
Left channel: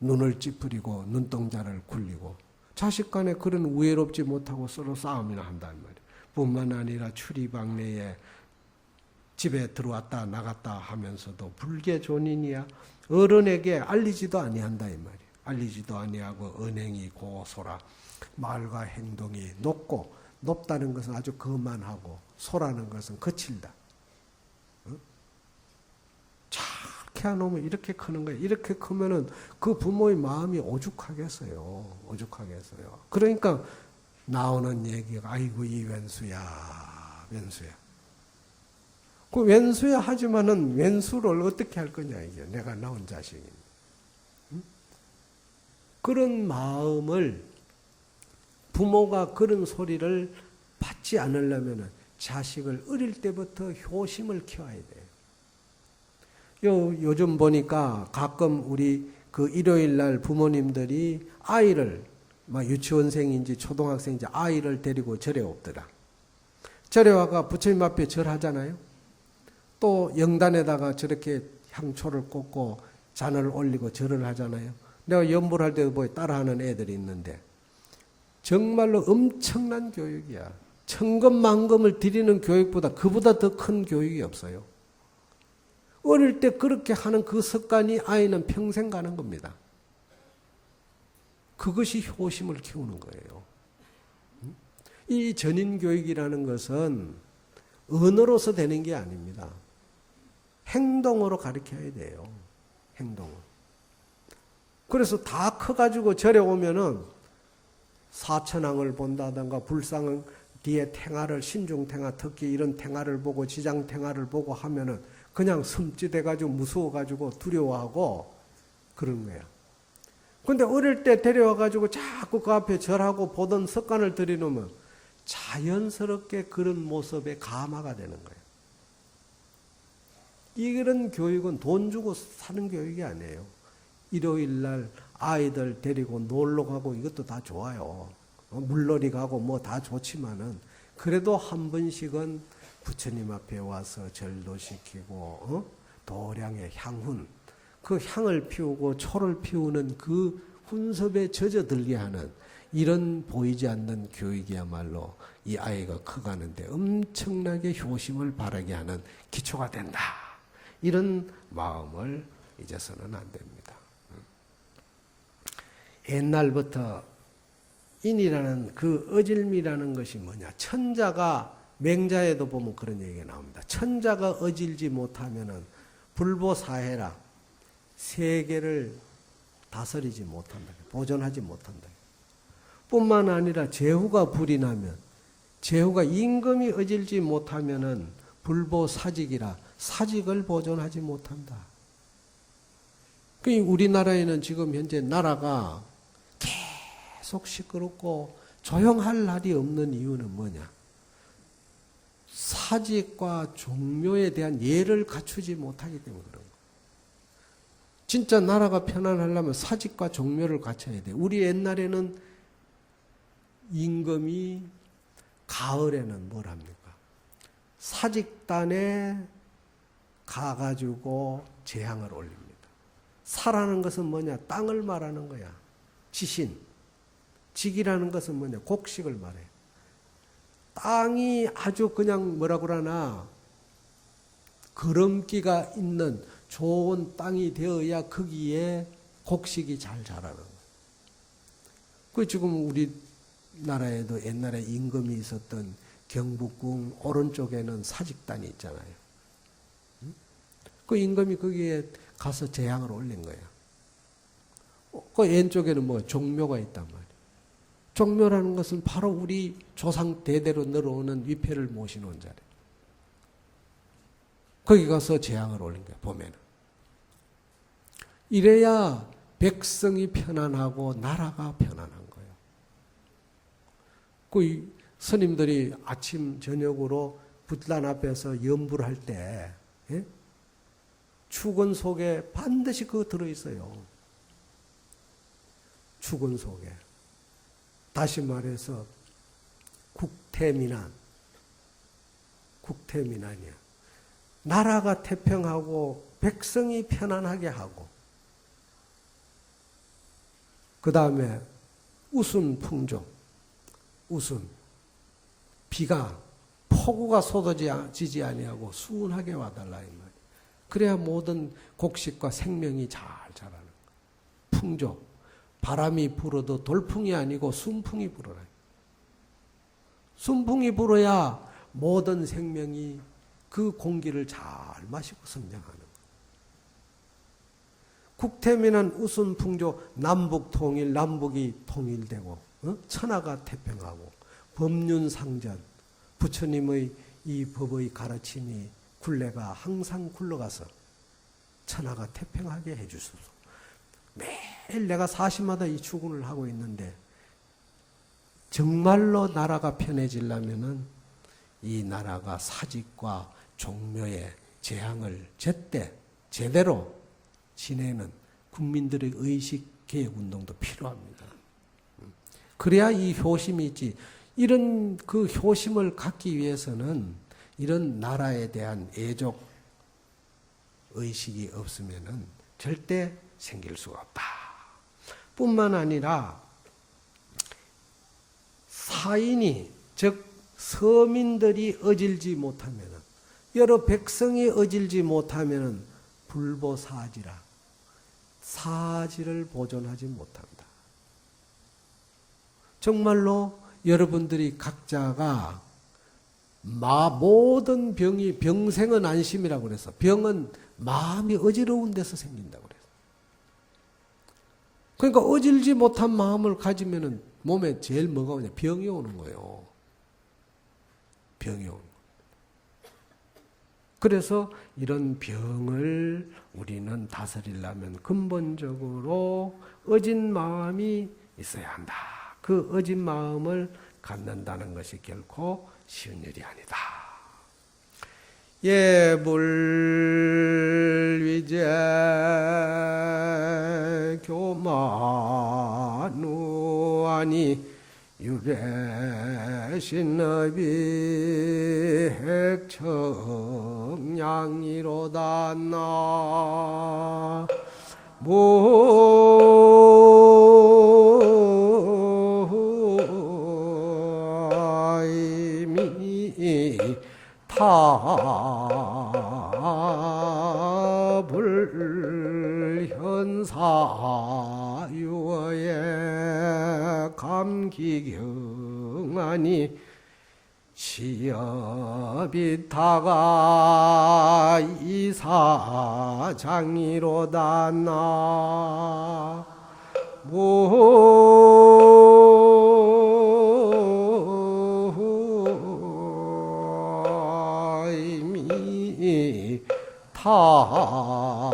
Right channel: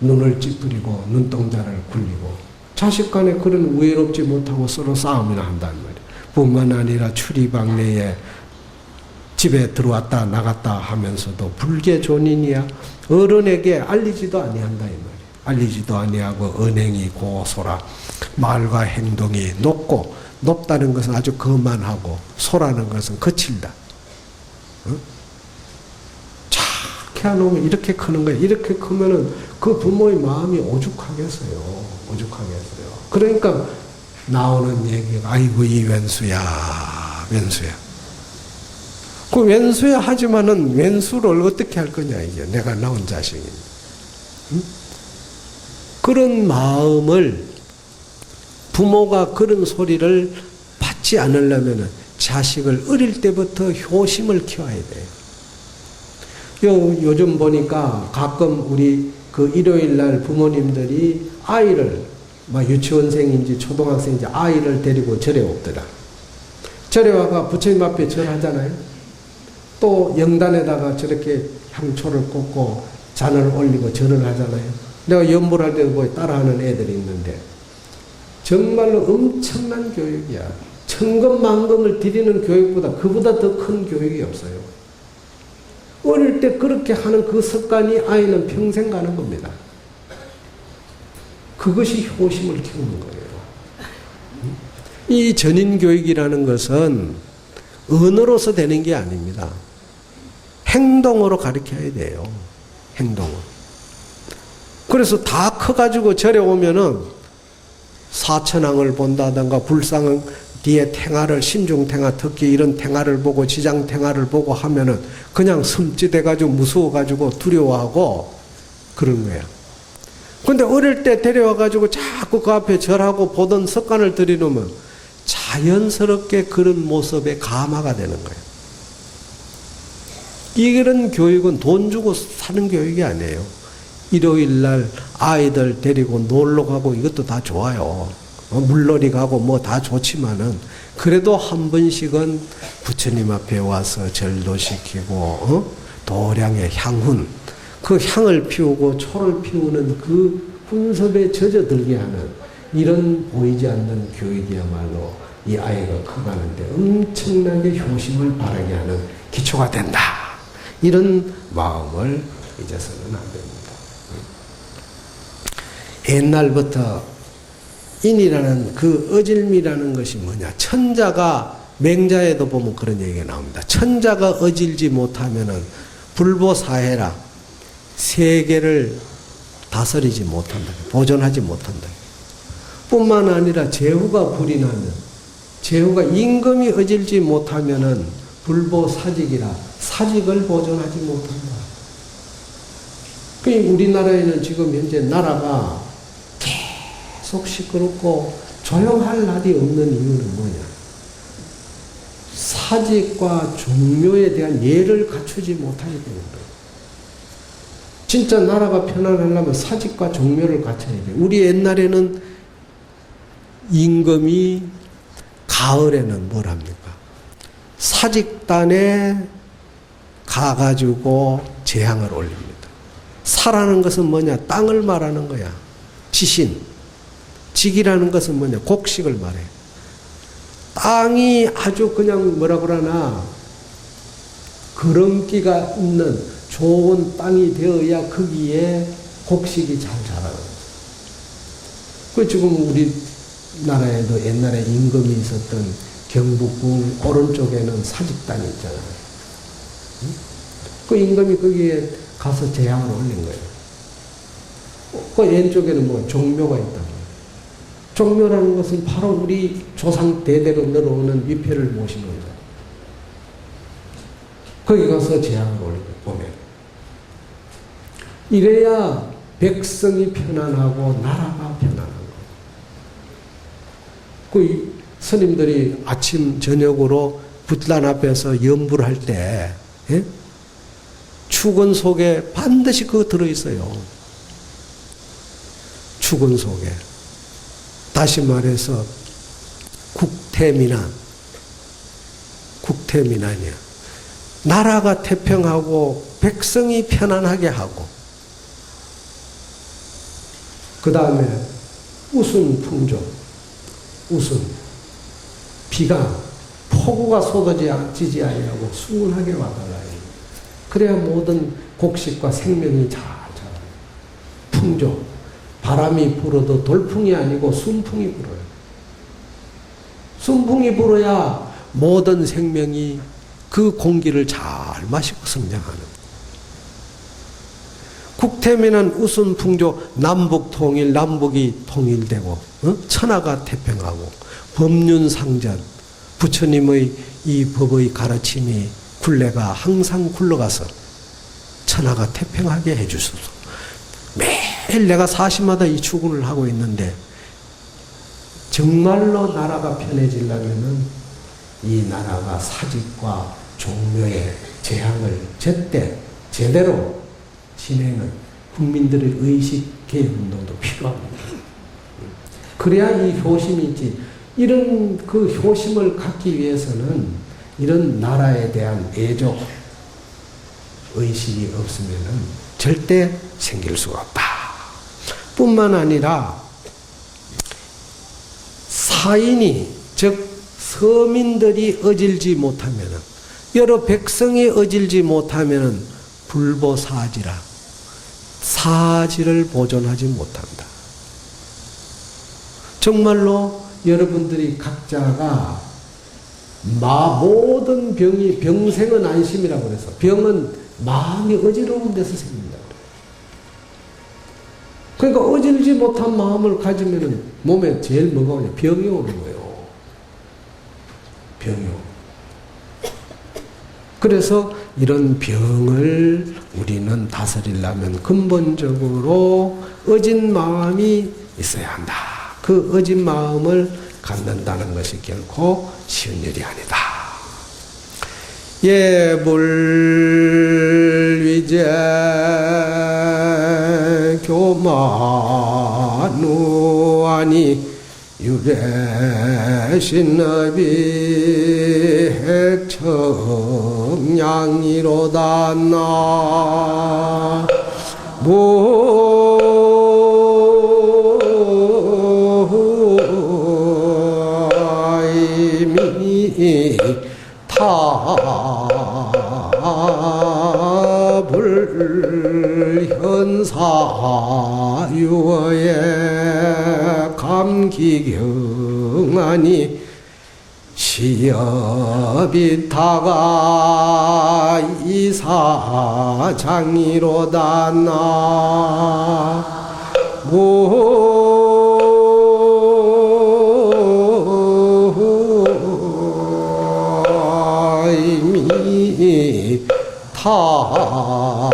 눈을 찌푸리고 눈동자를 굴리고, 자식 간에 그런 우애롭지 못하고 서로 싸움이나 한단 말이야. 뿐만 아니라 추리방내에 집에 들어왔다 나갔다 하면서도 불계존인이야. 어른에게 알리지도 아니한다 이 말이야. 알리지도 아니하고 언행이 고소라, 말과 행동이 높고, 높다는 것은 아주 거만하고, 소라는 것은 거칠다. 키워놓으면 이렇게 크는 거예요. 이렇게 크면은 그 부모의 마음이 오죽하겠어요. 오죽하겠어요. 그러니까 나오는 얘기가, 아이고 이 왼수야, 왼수야. 그 왼수야 하지만은 왼수를 어떻게 할 거냐 이게, 내가 낳은 자식이. 응? 그런 마음을, 부모가 그런 소리를 받지 않으려면은 자식을 어릴 때부터 효심을 키워야 돼요. 요즘 보니까 가끔 우리 그 일요일 날 부모님들이 아이를, 유치원생인지 초등학생인지 아이를 데리고 절에 오더라. 절에 와가 부처님 앞에 절하잖아요. 또 영단에다가 저렇게 향초를 꽂고 잔을 올리고 절을 하잖아요. 내가 연불할 때 보고 따라하는 애들이 있는데, 정말로 엄청난 교육이야. 천금만금을 드리는 교육보다, 그보다 더 큰 교육이 없어요. 어릴 때 그렇게 하는 그 습관이 아이는 평생 가는 겁니다. 그것이 효심을 키우는 거예요. 이 전인교육이라는 것은 언어로서 되는 게 아닙니다. 행동으로 가르쳐야 돼요. 행동으로. 그래서 다 커가지고 절에 오면은 사천왕을 본다든가, 불상 뒤에 탱화를, 신중탱화, 특히 이런 탱화를 보고, 지장탱화를 보고 하면은 그냥 섬찟해가지고 무서워가지고 두려워하고 그런 거야. 근데 어릴 때 데려와가지고 자꾸 그 앞에 절하고 보던 습관을 들이놓으면 자연스럽게 그런 모습에 감화가 되는 거예요. 이런 교육은 돈 주고 사는 교육이 아니에요. 일요일 날 아이들 데리고 놀러 가고 이것도 다 좋아요. 물놀이 가고 뭐 다 좋지만은 그래도 한 번씩은 부처님 앞에 와서 절도 시키고 도량의 향훈 그 향을 피우고 초를 피우는 그 훈섭에 젖어들게 하는 이런 보이지 않는 교육이야말로 이 아이가 커가는데 엄청나게 효심을 바라게 하는 기초가 된다. 이런 마음을 잊어서는 안 됩니다. 옛날부터 인이라는 그 어질미라는 것이 뭐냐. 천자가 맹자에도 보면 그런 얘기가 나옵니다. 천자가 어질지 못하면은 불보사해라. 세계를 다스리지 못한다. 보존하지 못한다. 뿐만 아니라 제후가 불이 나면 제후가 임금이 어질지 못하면은 불보사직이라 사직을 보존하지 못한다. 그러니까 우리나라에는 지금 현재 나라가 계속 시끄럽고 조용할 날이 없는 이유는 뭐냐? 사직과 종묘에 대한 예를 갖추지 못하기 때문에. 진짜 나라가 편안하려면 사직과 종묘를 갖춰야 돼. 우리 옛날에는 임금이 가을에는 뭘 합니까? 사직단에 가가지고 재향을 올립니다. 사라는 것은 뭐냐? 땅을 말하는 거야. 지신. 직이라는 것은 뭐냐? 곡식을 말해. 땅이 아주 그냥 뭐라 그러나 그런기가 있는 좋은 땅이 되어야 거기에 곡식이 잘 자라요. 그 지금 우리나라에도 옛날에 임금이 있었던 경북궁 오른쪽에는 사직단이 있잖아요. 그 임금이 거기에 가서 재향을 올린 거예요. 그 왼쪽에는 뭐 종묘가 있단 말이에요. 종묘라는 것은 바로 우리 조상 대대로 내려오는 위패를 모시는 거죠. 거기 가서 재향을 올리고 보면 이래야 백성이 편안하고 나라가 편안한 거예요. 그 스님들이 아침 저녁으로 붓란 앞에서 연부를 할 때 축원 속에 반드시 그거 들어있어요. 축원 속에. 다시 말해서 국태민안. 국태민안이야. 나라가 태평하고 백성이 편안하게 하고 그 다음에 우순풍조. 우순. 비가 폭우가 쏟아지지 아니하고 수운하게 와달라. 그래야 모든 곡식과 생명이 잘 자라요. 풍조. 바람이 불어도 돌풍이 아니고 순풍이 불어요. 순풍이 불어야 모든 생명이 그 공기를 잘 마시고 성장하는. 국태민은 우순풍조 남북 통일, 남북이 통일되고 천하가 태평하고 법륜상전, 부처님의 이 법의 가르침이 굴레가 항상 굴러가서 천하가 태평하게 해주소서. 매일 내가 사시마다 이 축원을 하고 있는데 정말로 나라가 편해지려면은 이 나라가 사직과 종묘의 재향을 제때 제대로 지내는 국민들의 의식 개혁 운동도 필요합니다. 그래야 이 효심이 있지. 이런 그 효심을 갖기 위해서는 이런 나라에 대한 애족 의식이 없으면은 절대 생길 수가 없다. 뿐만 아니라 사인이 즉 서민들이 어질지 못하면은 여러 백성이 어질지 못하면은 불보사지라 사지를 보존하지 못한다. 정말로 여러분들이 각자가 모든 병이 병생은 안심이라고 그래서 병은 마음이 어지러운 데서 생긴다. 그러니까 어질지 못한 마음을 가지면은 몸에 제일 뭐가 오냐? 병이 오는 거예요. 병이 오고. 그래서 이런 병을 우리는 다스리려면 근본적으로 어진 마음이 있어야 한다. 그 어진 마음을 갖는다는 것이 결코 쉬운 일이 아니다. 예불위제 교만우아니 유래신업이 핵청량이로다 나무이미 타불현사유어의 감기경하니 시업이 타가 이사장이로다 나무이미 타불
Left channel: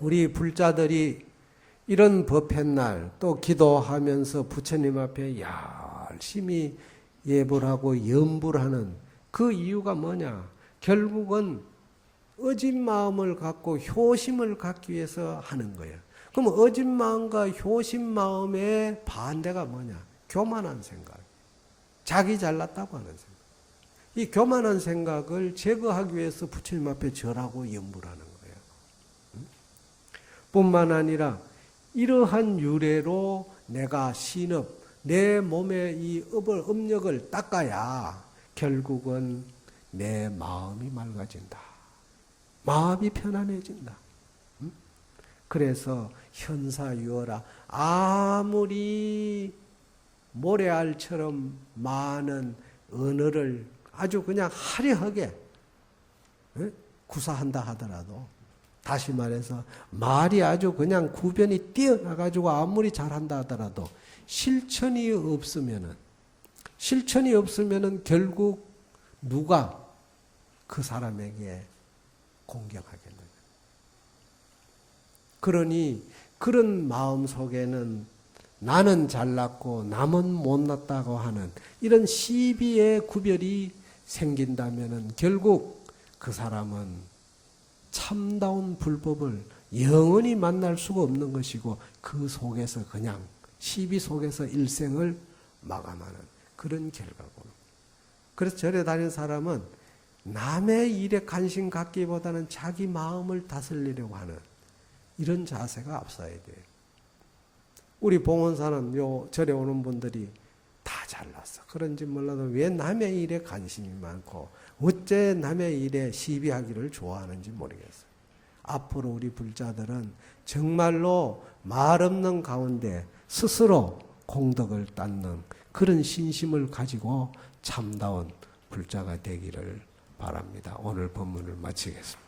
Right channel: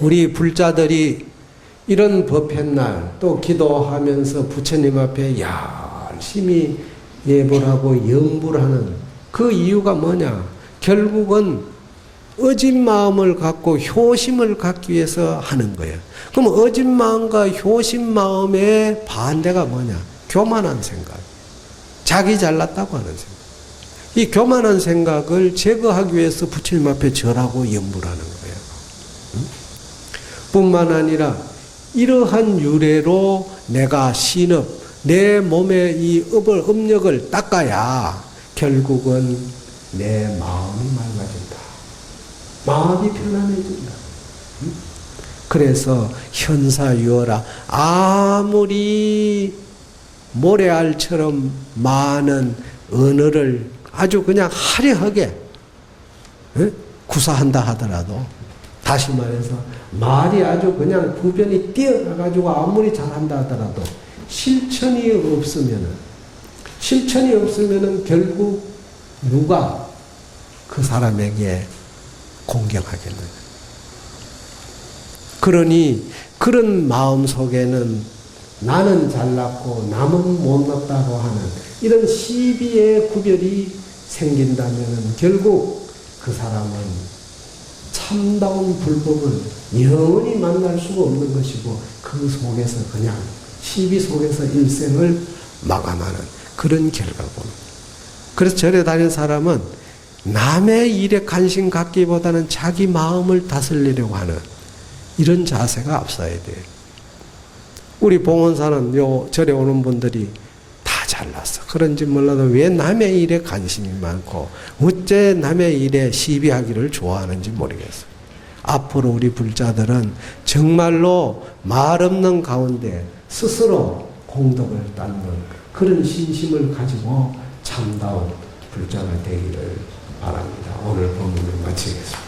우리 불자들이 이런 법회날 또 기도하면서 부처님 앞에 열심히 예불하고 영불하는 그 이유가 뭐냐? 결국은 어진 마음을 갖고 효심을 갖기 위해서 하는 거예요. 그럼 어진 마음과 효심 마음의 반대가 뭐냐? 교만한 생각. 자기 잘났다고 하는 생각. 이 교만한 생각을 제거하기 위해서 부처님 앞에 절하고 염불하는 거예요. 뿐만 아니라 이러한 유래로 내가 신업, 내 몸의 이 업력을 닦아야 결국은 내 마음이 맑아진다. 마음이 편안해진다. 그래서 현사유어라 아무리 모래알처럼 많은 언어를 아주 그냥 화려하게 구사한다 하더라도 다시 말해서 말이 아주 그냥 구변이 뛰어나가지고 아무리 잘한다 하더라도 실천이 없으면은 결국 누가 그 사람에게 공경하겠느냐. 그러니 그런 마음 속에는 나는 잘났고 남은 못났다고 하는 이런 시비의 구별이 생긴다면 결국 그 사람은 참다운 불법을 영원히 만날 수가 없는 것이고 그 속에서 그냥 시비 속에서 일생을 마감하는 그런 결과를 보는 거예요. 그래서 절에 다니는 사람은 남의 일에 관심 갖기보다는 자기 마음을 다스리려고 하는 이런 자세가 앞서야 돼요. 우리 봉원사는 요 절에 오는 분들이 다 잘났어. 그런지 몰라도 왜 남의 일에 관심이 많고 어째 남의 일에 시비하기를 좋아하는지 모르겠어요. 앞으로 우리 불자들은 정말로 말 없는 가운데 스스로 공덕을 닦는 그런 신심을 가지고 참다운 불자가 되기를 바랍니다. 오늘 본문을 마치겠습니다.